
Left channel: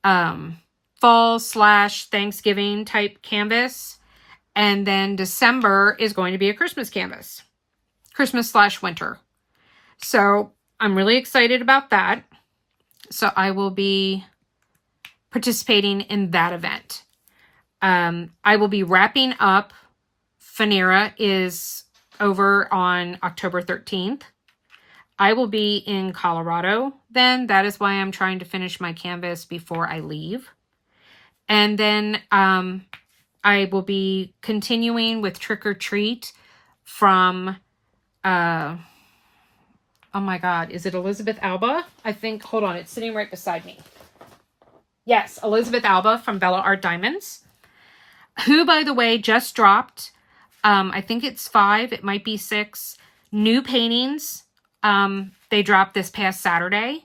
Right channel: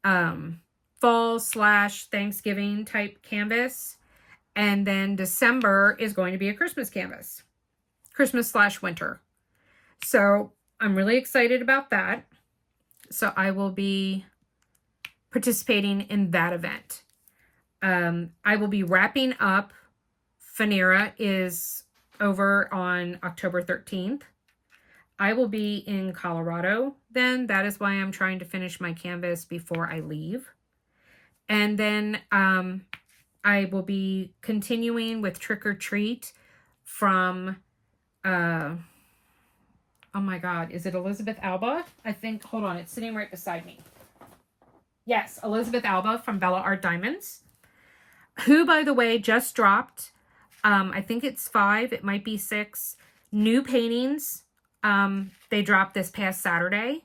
fall/Thanksgiving type canvas. And then December is going to be a Christmas canvas. Christmas/winter. So I'm really excited about that. So I will be participating in that event. I will be wrapping up. Fanera is over on October 13th. I will be in Colorado then. That is why I'm trying to finish my canvas before I leave. And then I will be continuing with Trick or Treat from, oh my God, is it Elizabeth Alba? I think, hold on, it's sitting right beside me. Yes, Elizabeth Alba from Bella Art Diamonds, who, by the way, just dropped, I think it's 5, it might be 6, new paintings. They dropped this past Saturday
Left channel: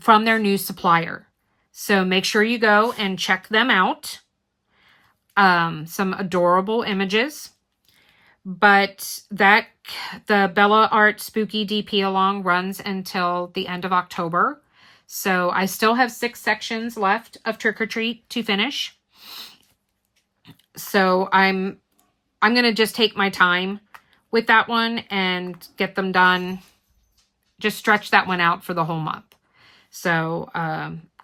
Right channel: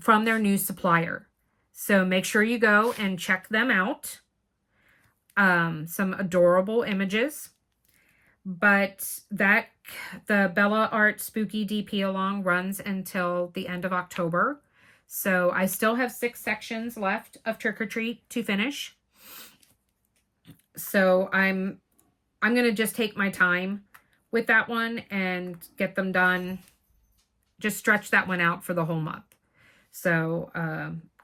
from their new supplier. So make sure you go and check them out. Some adorable images. But the Bella Art Spooky DP Along runs until the end of October. So I still have 6 sections left of Trick or Treat to finish. So I'm going to just take my time with that one and get them done. Just stretch that one out for the whole month. So,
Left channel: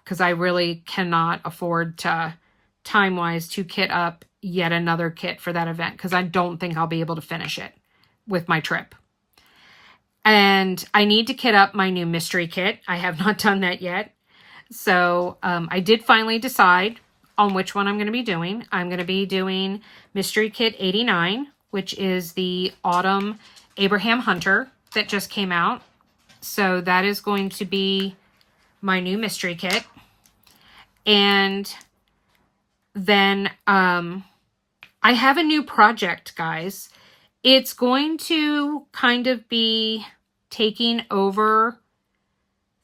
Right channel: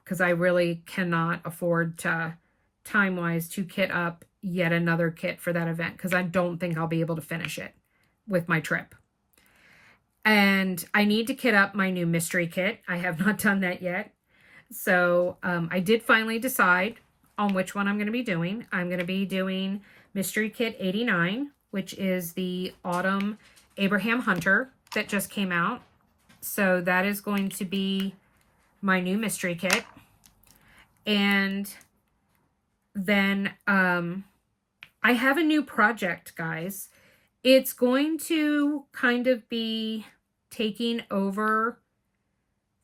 because I really cannot afford to, time-wise, to kit up yet another kit for that event, because I don't think I'll be able to finish it with my trip. And I need to kit up my new mystery kit. I have not done that yet. So I did finally decide on which one I'm going to be doing. I'm going to be doing Mystery Kit 89, which is the Autumn Abraham Hunter that just came out. So that is going to be my new mystery kit. And then I have a new project, guys. It's going to kind of be taking over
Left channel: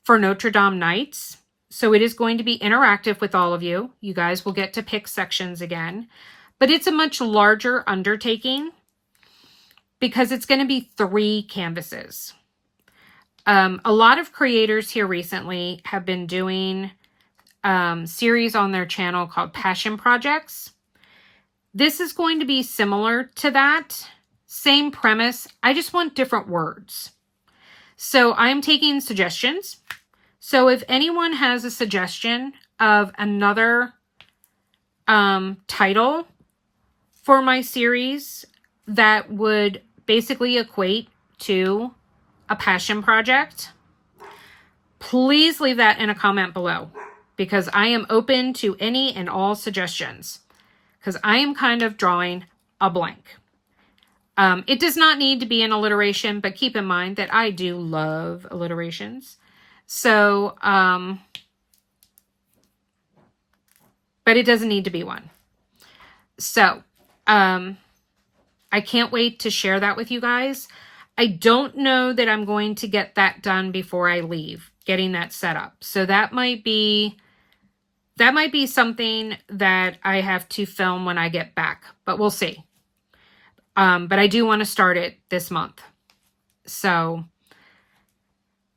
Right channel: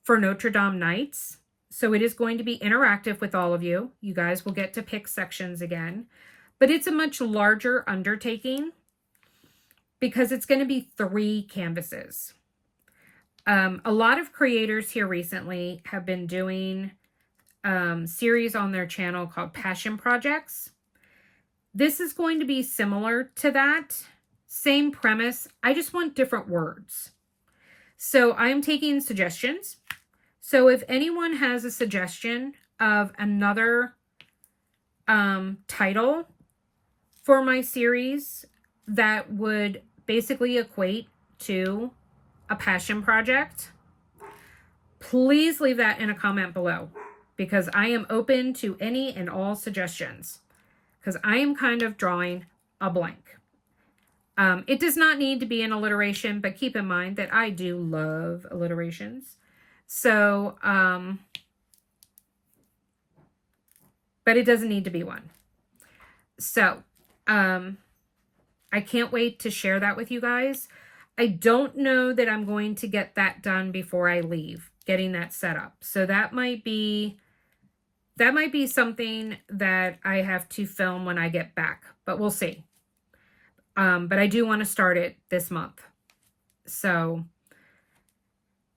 for Notre Dame Nights. So it is going to be interactive with all of you. You guys will get to pick sections again. But it's a much larger undertaking because it's going to be 3 canvases. A lot of creators here recently have been doing series on their channel called Passion Projects. This is going to be similar to that. Same premise. I just want different words. So I'm taking suggestions. So if anyone has a suggestion of another title for my series that would basically equate to a passion project, please leave that in a comment below, because I am open to any and all suggestions, because I am kind of drawing a blank. It does not need to be an alliteration, but keep in mind that I do love alliterations. So, but it doesn't need to be one. So, I can't wait to share that with you guys. I don't know that I'm going to get that done before I leave, getting that set up. So that might be something that I have to film when I get back, but we'll see. But I do want to start it this month. So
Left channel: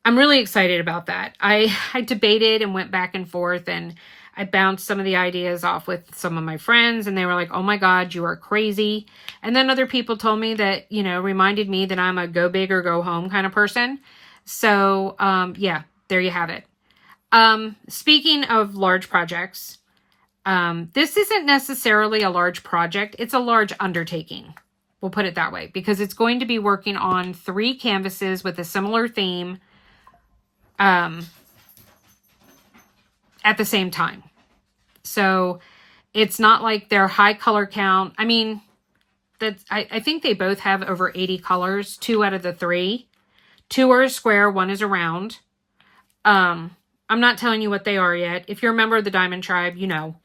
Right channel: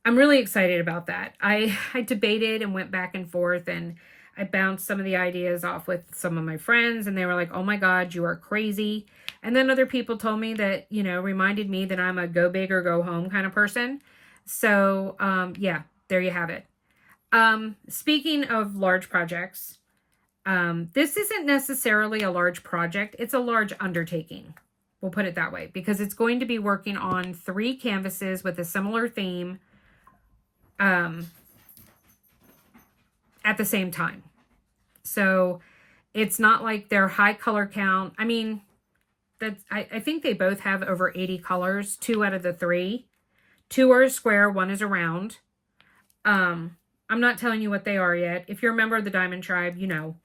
I'm really excited about that. I debated and went back and forth, and I bounced some of the ideas off with some of my friends, and they were like, oh my God, you are crazy. And then other people told me that, you know, reminded me that I'm a go big or go home kind of person. So, yeah, there you have it. Speaking of large projects, this isn't necessarily a large project. It's a large undertaking. We'll put it that way, because it's going to be working on 3 canvases with a similar theme, at the same time. So it's not like they're high color count. I mean, I think they both have over 80 colors, 2 out of the 3. 2 are a square, 1 is a round. I'm not telling you what they are yet. If you're a member of the Diamond Tribe, you know.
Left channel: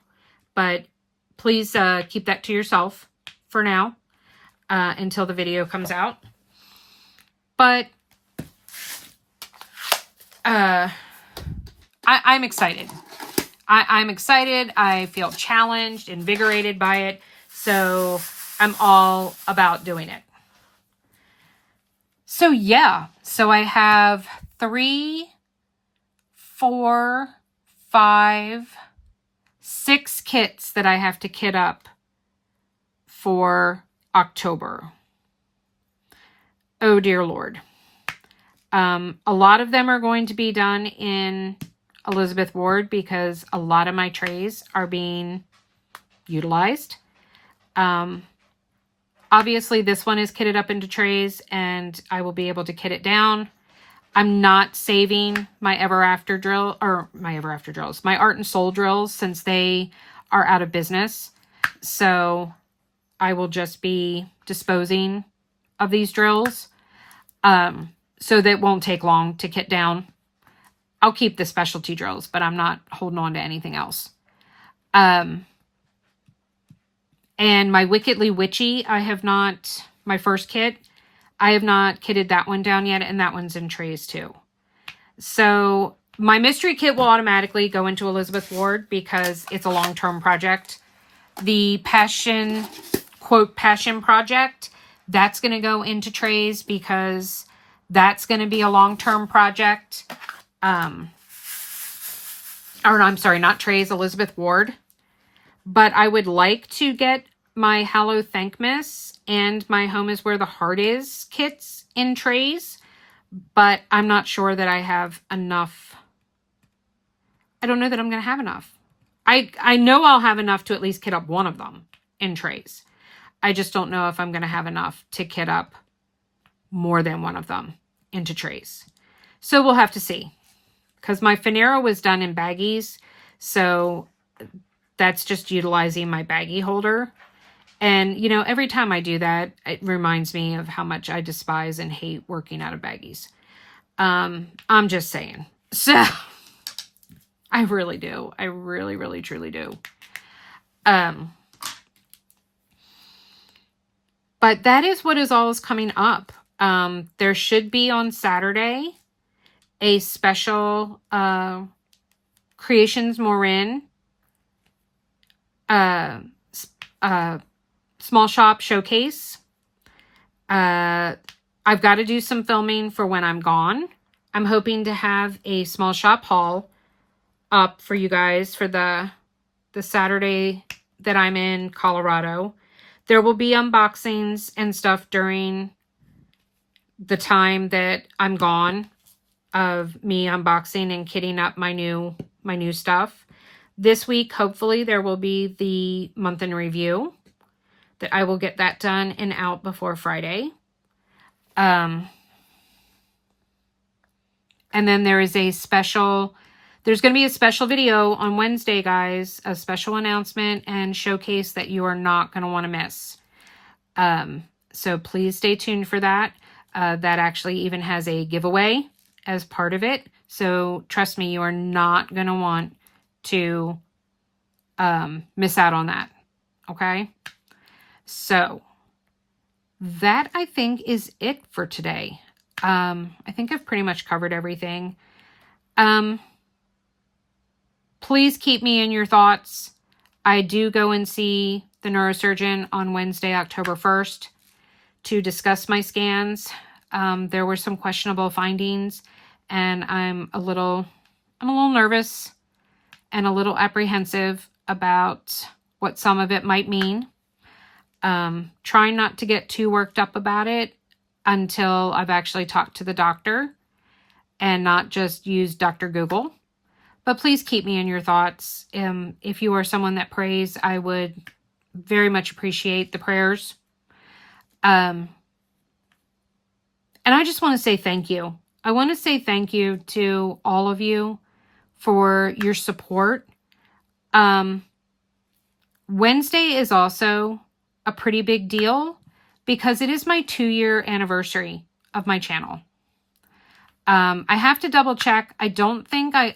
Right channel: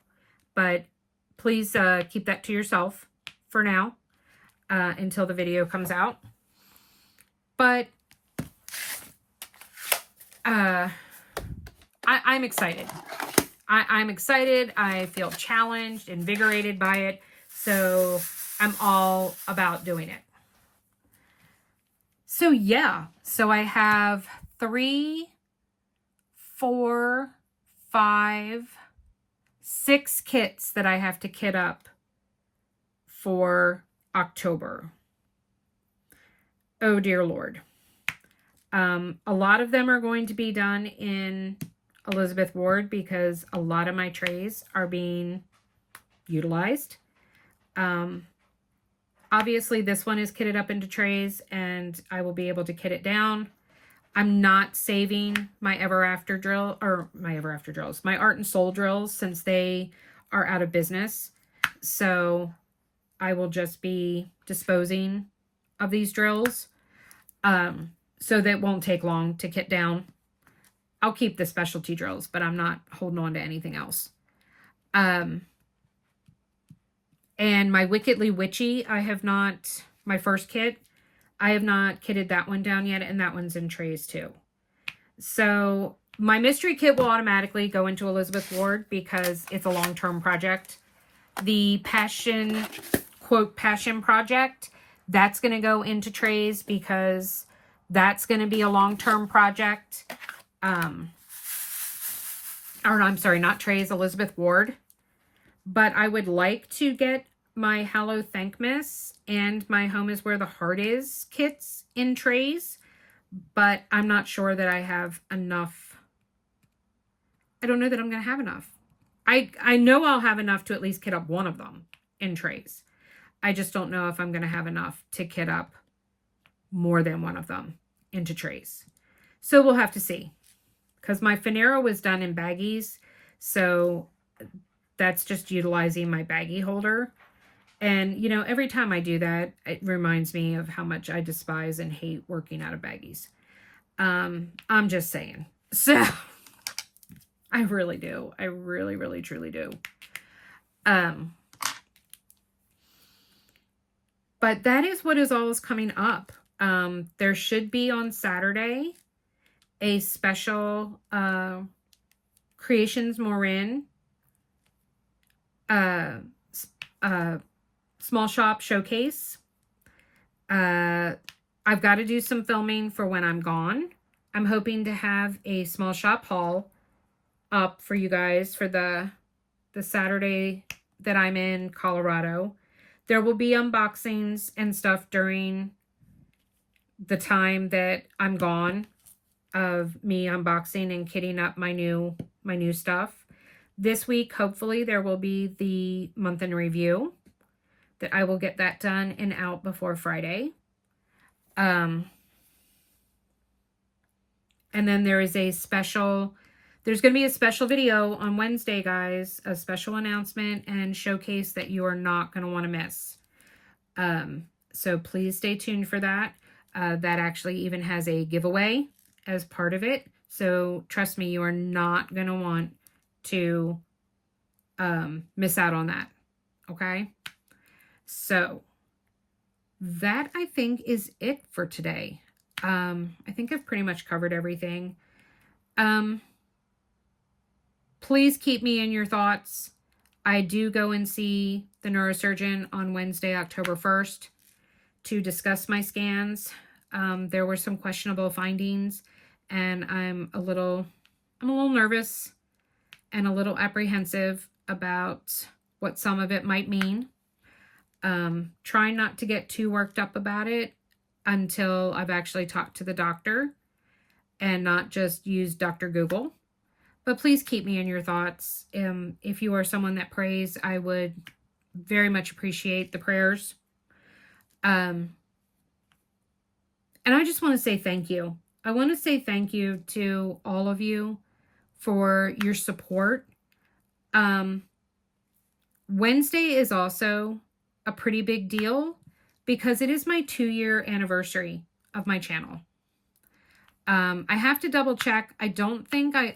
But please keep that to yourself for now, until the video comes out. But I'm excited. I'm excited. I feel challenged, invigorated by it. So I'm all about doing it. So yeah. So I have 3, 4, 5, 6 kits that I have to kit up for October. Oh dear Lord. A lot of them are going to be done in Elizabeth Ward because a lot of my trays are being utilized. Obviously this one is kitted up into trays and I will be able to kit it down. I'm not saving my Ever After drill, or my Ever After drills, my Art and Soul drills, since they are out of business. So I will just be disposing of these drills. So that won't take long to kit down. I'll keep the specialty drills, but I'm not holding on to anything else. And my Wickedly Witchy, I have not, my first kit, I have not kitted that one down yet, and that one's in trays too. So my mystery kit will automatically go into Elizabeth Ward because it's a long-term project. The passion, quote, passion project, that's going to go into trays because that's going to be a long-term project. Or I'm sorry, not trays, Elizabeth Ward. But I would like to get my Hallow Thankmas and my Home is Where the Heart Is kits in trays. But I'm not sure that I have enough. I don't know that I'm going to have enough. I know I'll have enough to at least kit up one of them in trays. I just don't know if I'm going to have enough to kit up more than one of them into trays. So we'll have to see. Because my Finero was done in baggies. So that's just utilizing my baggie holder. And, you know, every time I do that, it reminds me of how much I despise and hate working out of baggies. I'm just saying. So, I really do. I really, really, truly do. But that is what is always coming up. There should be on Saturday a special Creations Morin small shop showcase. I've got to do some filming for when I'm gone. I'm hoping to have a small shop haul up for you guys for the Saturday that I'm in Colorado. There will be unboxings and stuff during the time that I'm gone of me unboxing and kitting up my new stuff. This week, hopefully, there will be the month in review that I will get that done and out before Friday. And then there is there's going to be a special video on Wednesday, guys, a special announcement and showcase that you are not going to want to miss. So please stay tuned for that. That actually even has a giveaway as part of it. So trust me, you are not going to want to miss out on that. Okay. So that I think is it for today. I think I've pretty much covered everything. Please keep me in your thoughts. I do go and see the neurosurgeon on Wednesday, October 1st to discuss my scans. There were some questionable findings, and I'm a little nervous and a little apprehensive about what some of it might mean. Trying not to get too worked up about it until I've actually talked to the doctor and not just use Dr. Google. But please keep me in your thoughts. If you are someone that prays, I would very much appreciate the prayers. And I just want to say thank you. I want to say thank you to all of you for your support. Wednesday is also a pretty big deal because it is my 2-year anniversary of my channel. I have to double check. I don't think I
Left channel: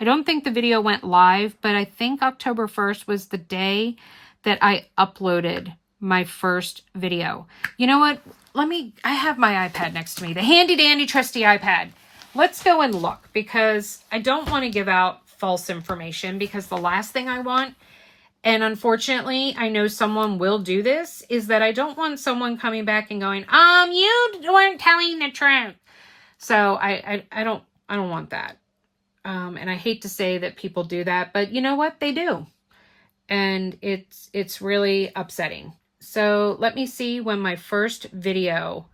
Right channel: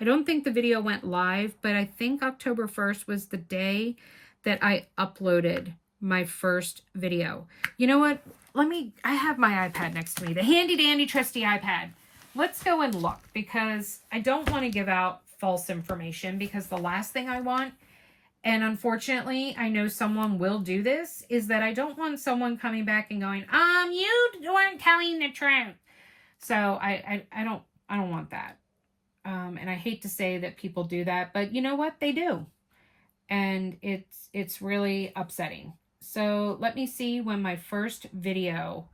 don't think the video went live, but I think October 1st was the day that I uploaded my first video. You know what? I have my iPad next to me, the handy dandy trusty iPad. Let's go and look, because I don't want to give out false information, because the last thing I want, and unfortunately I know someone will do this, is that I don't want someone coming back and going, you weren't telling the truth. So I don't want that. And I hate to say that people do that, but you know what? They do. And it's really upsetting. So let me see when my first video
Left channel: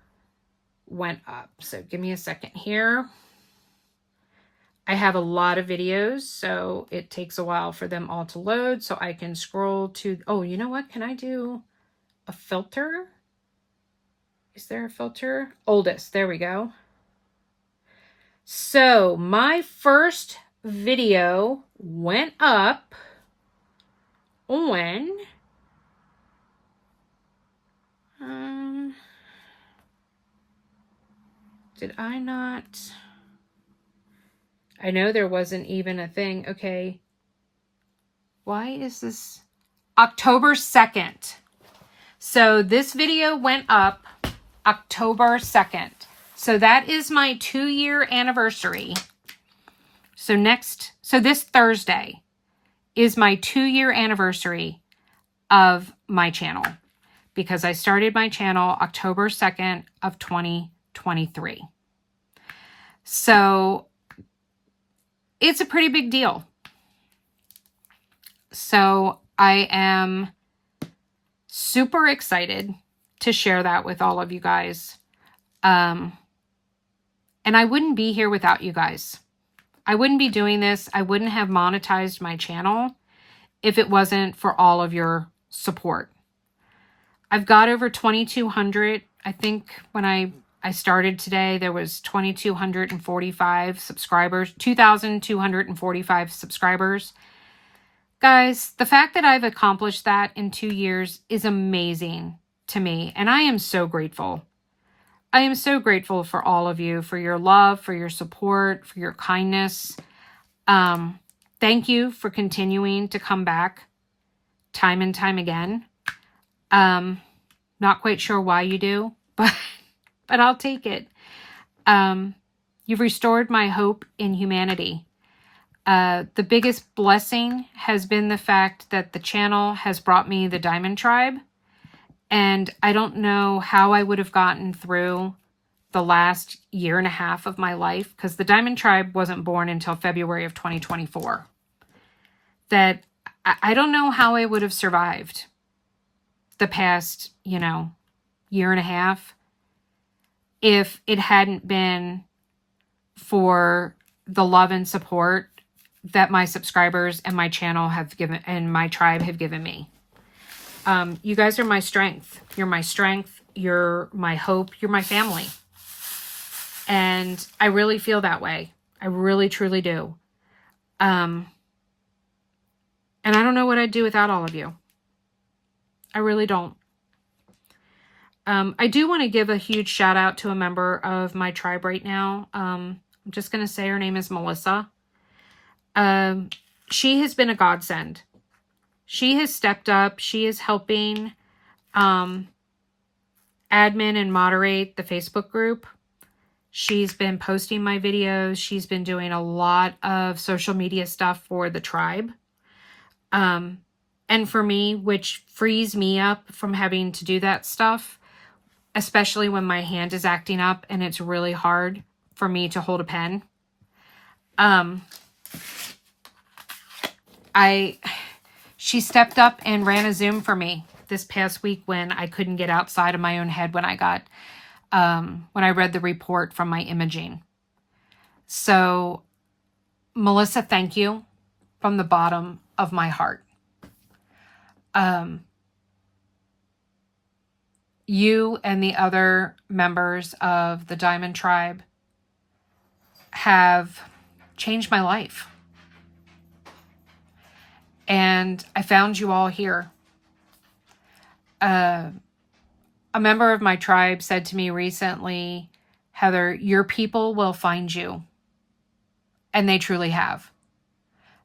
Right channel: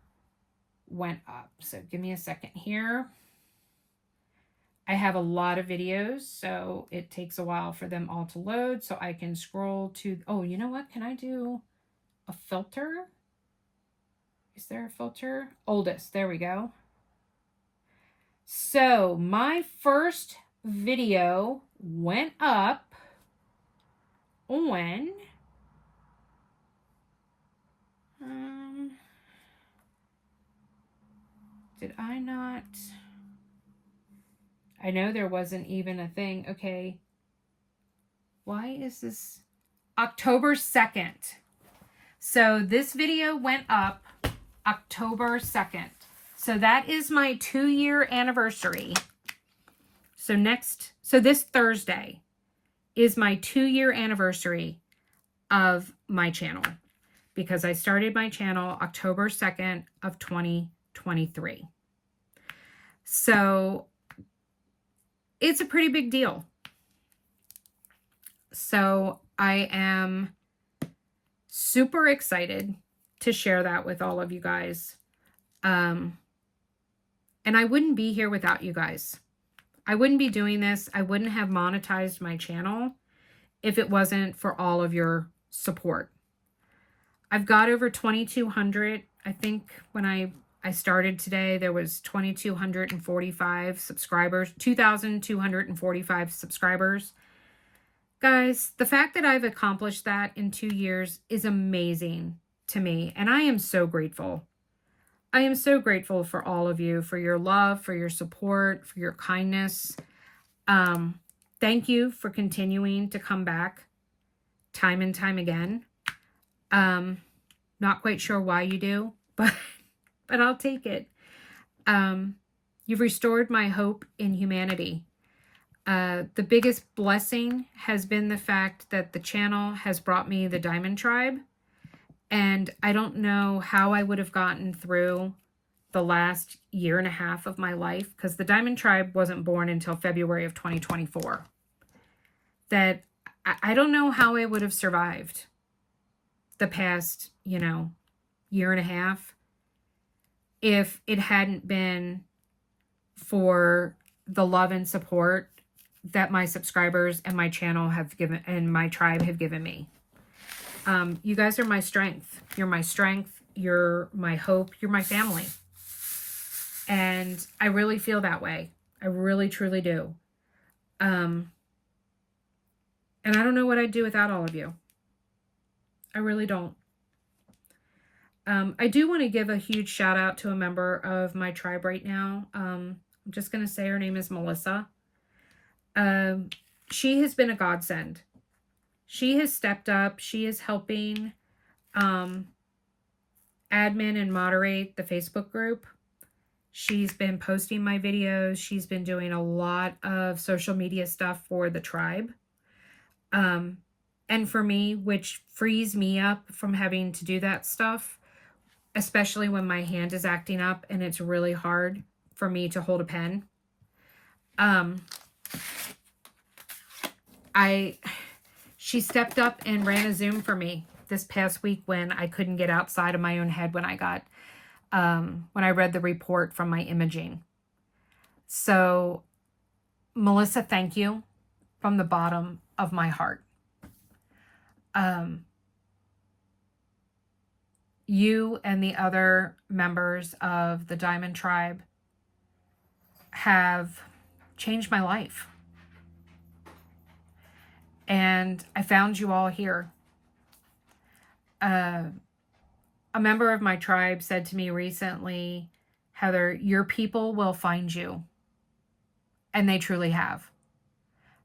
went up. So give me a second here. I have a lot of videos, so it takes a while for them all to load. So I can scroll to, oh, you know what? Can I do a filter? Is there a filter? Oldest, there we go. So my first video went up on did I not? I know there wasn't even a thing. Okay. Why is this? October 2nd. So this video went up October 2nd. So that is my 2-year anniversary. So this Thursday is my 2-year anniversary of my channel, because I started my channel October 2nd of 2023. So it's a pretty big deal. So I am super excited to share that with all of you guys. And I wouldn't be here without you guys. I wouldn't be doing this. I wouldn't have monetized my channel if it wasn't for all of your support. I've got over 2,200. I think when I started today, there was 2,245 subscribers, 2,245 subscribers. Guys, the fact that I've accomplished that in 2 years is amazing to me. And I am so grateful. I am so grateful for all of you, for your love, for your support, for your kindness. Thank you for continuing to come back time and time again. Not quite sure why you do, but I'll take it. You've restored my hope in humanity. The biggest blessing has been the fact that the channel has brought me the Diamond Tribe. And I don't know how I would have gotten through the last 1.5 years of my life, because the Diamond Tribe wasn't born until February of 2024. That I don't know how I would have survived the past, 1.5 years if it hadn't been for the love and support that my subscribers and my channel have given, and my tribe have given me. You guys are my strength. You're my strength. You're my hope. You're my family. And I really feel that way. I really, truly do. And I don't know what I'd do without all of you. I really don't. I do want to give a huge shout out to a member of my tribe right now. I'm just going to say her name is Melissa. She has been a godsend. She has stepped up. She is helping admin and moderate the Facebook group. She's been posting my videos. She's been doing a lot of social media stuff for the tribe. And for me, which frees me up from having to do that stuff, especially when my hand is acting up and it's really hard for me to hold a pen. She stepped up and ran a Zoom for me this past week when I couldn't get outside of my own head when I read the report from my imaging. So, Melissa, thank you from the bottom of my heart. You and the other members of the Diamond Tribe have changed my life. And I found you all here. A member of my tribe said to me recently, Heather, your people will find you. And they truly have.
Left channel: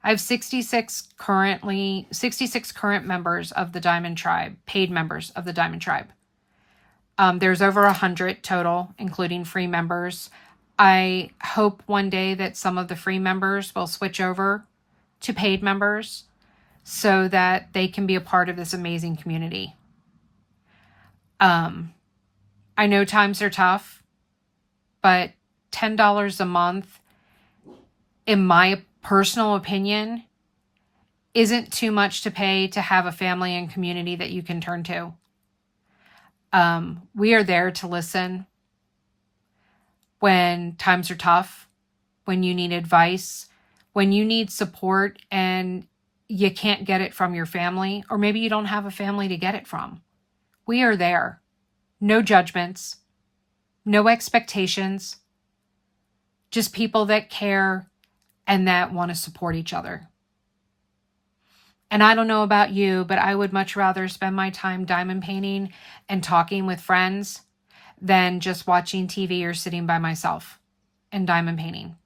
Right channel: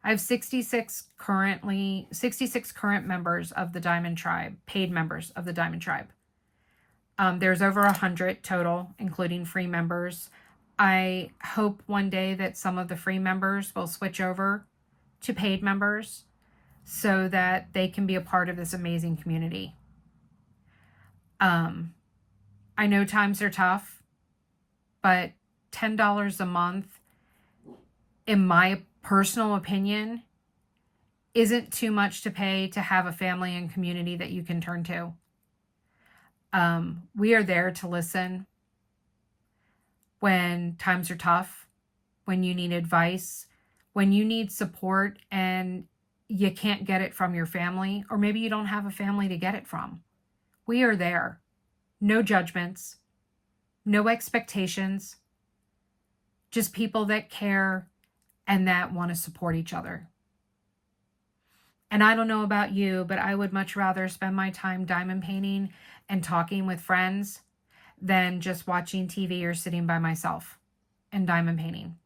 I have 66 current members of the Diamond Tribe, paid members of the Diamond Tribe. There's over 100 total, including free members. I hope one day that some of the free members will switch over to paid members so that they can be a part of this amazing community. I know times are tough, but $10 a month, in my personal opinion, isn't too much to pay to have a family and community that you can turn to. We are there to listen when times are tough, when you need advice, when you need support and you can't get it from your family, or maybe you don't have a family to get it from. We are there. No judgments, no expectations, just people that care and that want to support each other. And I don't know about you, but I would much rather spend my time diamond painting and talking with friends than just watching TV or sitting by myself and diamond painting.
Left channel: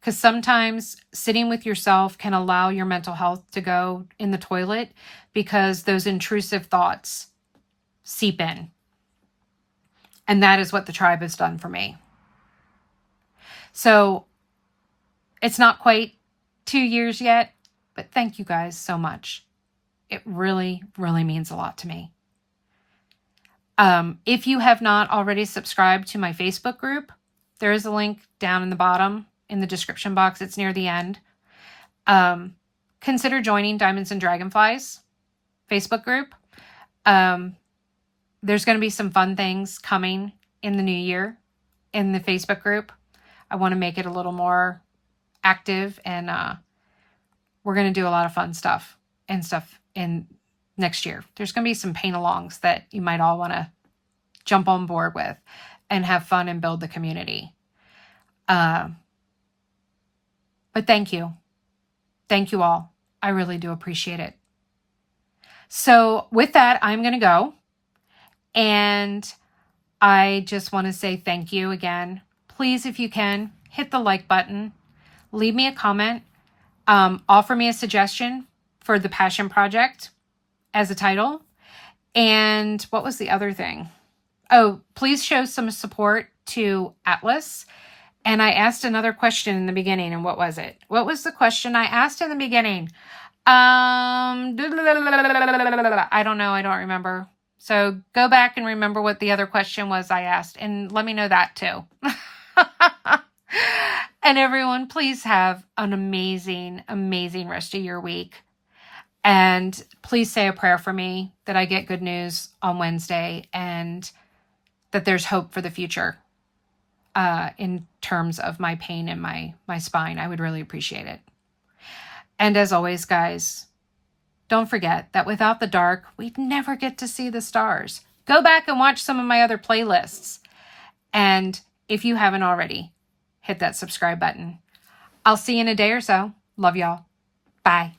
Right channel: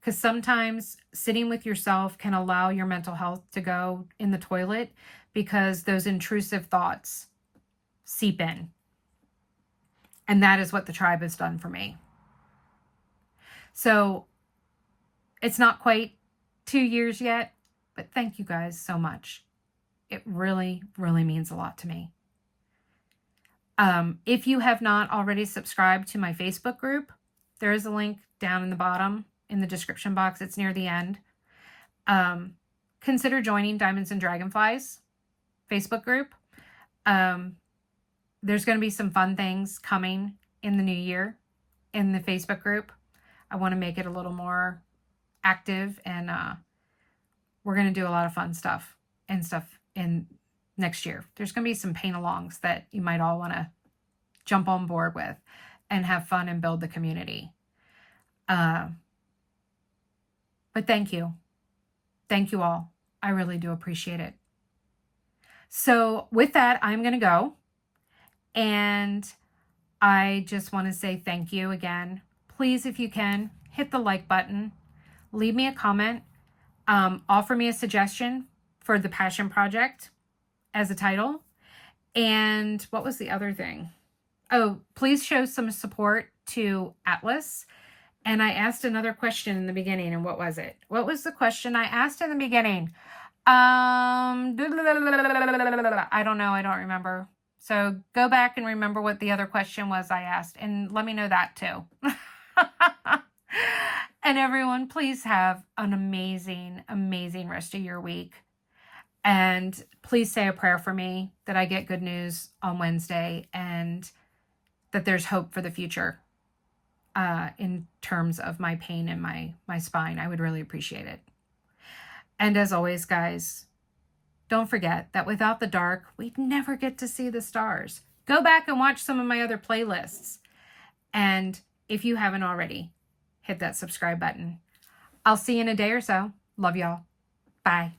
Because sometimes sitting with yourself can allow your mental health to go in the toilet because those intrusive thoughts seep in. And that is what the tribe has done for me. So it's not quite 2 years yet, but thank you guys so much. It really, really means a lot to me. If you have not already subscribed to my Facebook group, there is a link down in the bottom in the description box. It's near the end. Consider joining Diamonds and Dragonflies Facebook group. There's going to be some fun things coming in the new year in the Facebook group. I want to make it a little more active, and we're going to do a lot of fun stuff in next year. There's going to be some paint-alongs that you might all want to jump on board with and have fun and build the community. But thank you. Thank you all. I really do appreciate it. So with that, I'm going to go. And I just want to say thank you again. Please, if you can, hit the like button. Leave me a comment. Offer me a suggestion for the Passion Project as a title. And what was the other thing? Oh, please show some support to Atlas. And I asked another question in the beginning. And what was it? What was the question I asked in the beginning? I don't know. I don't remember. So go back and remember what the other question was I asked. And let me know that too. And everyone, please have an amazing, amazing rest of your week. And please say a prayer for me that I get good news on Wednesday and that there's hope for the future in terms of my pain and my spine. I would really appreciate it. And as always, guys, don't forget that without the dark, we'd never get to see the stars. Go back and watch some of my other playlists. And if you haven't already, hit that subscribe button. I'll see you in a day or so. Love y'all. Bye.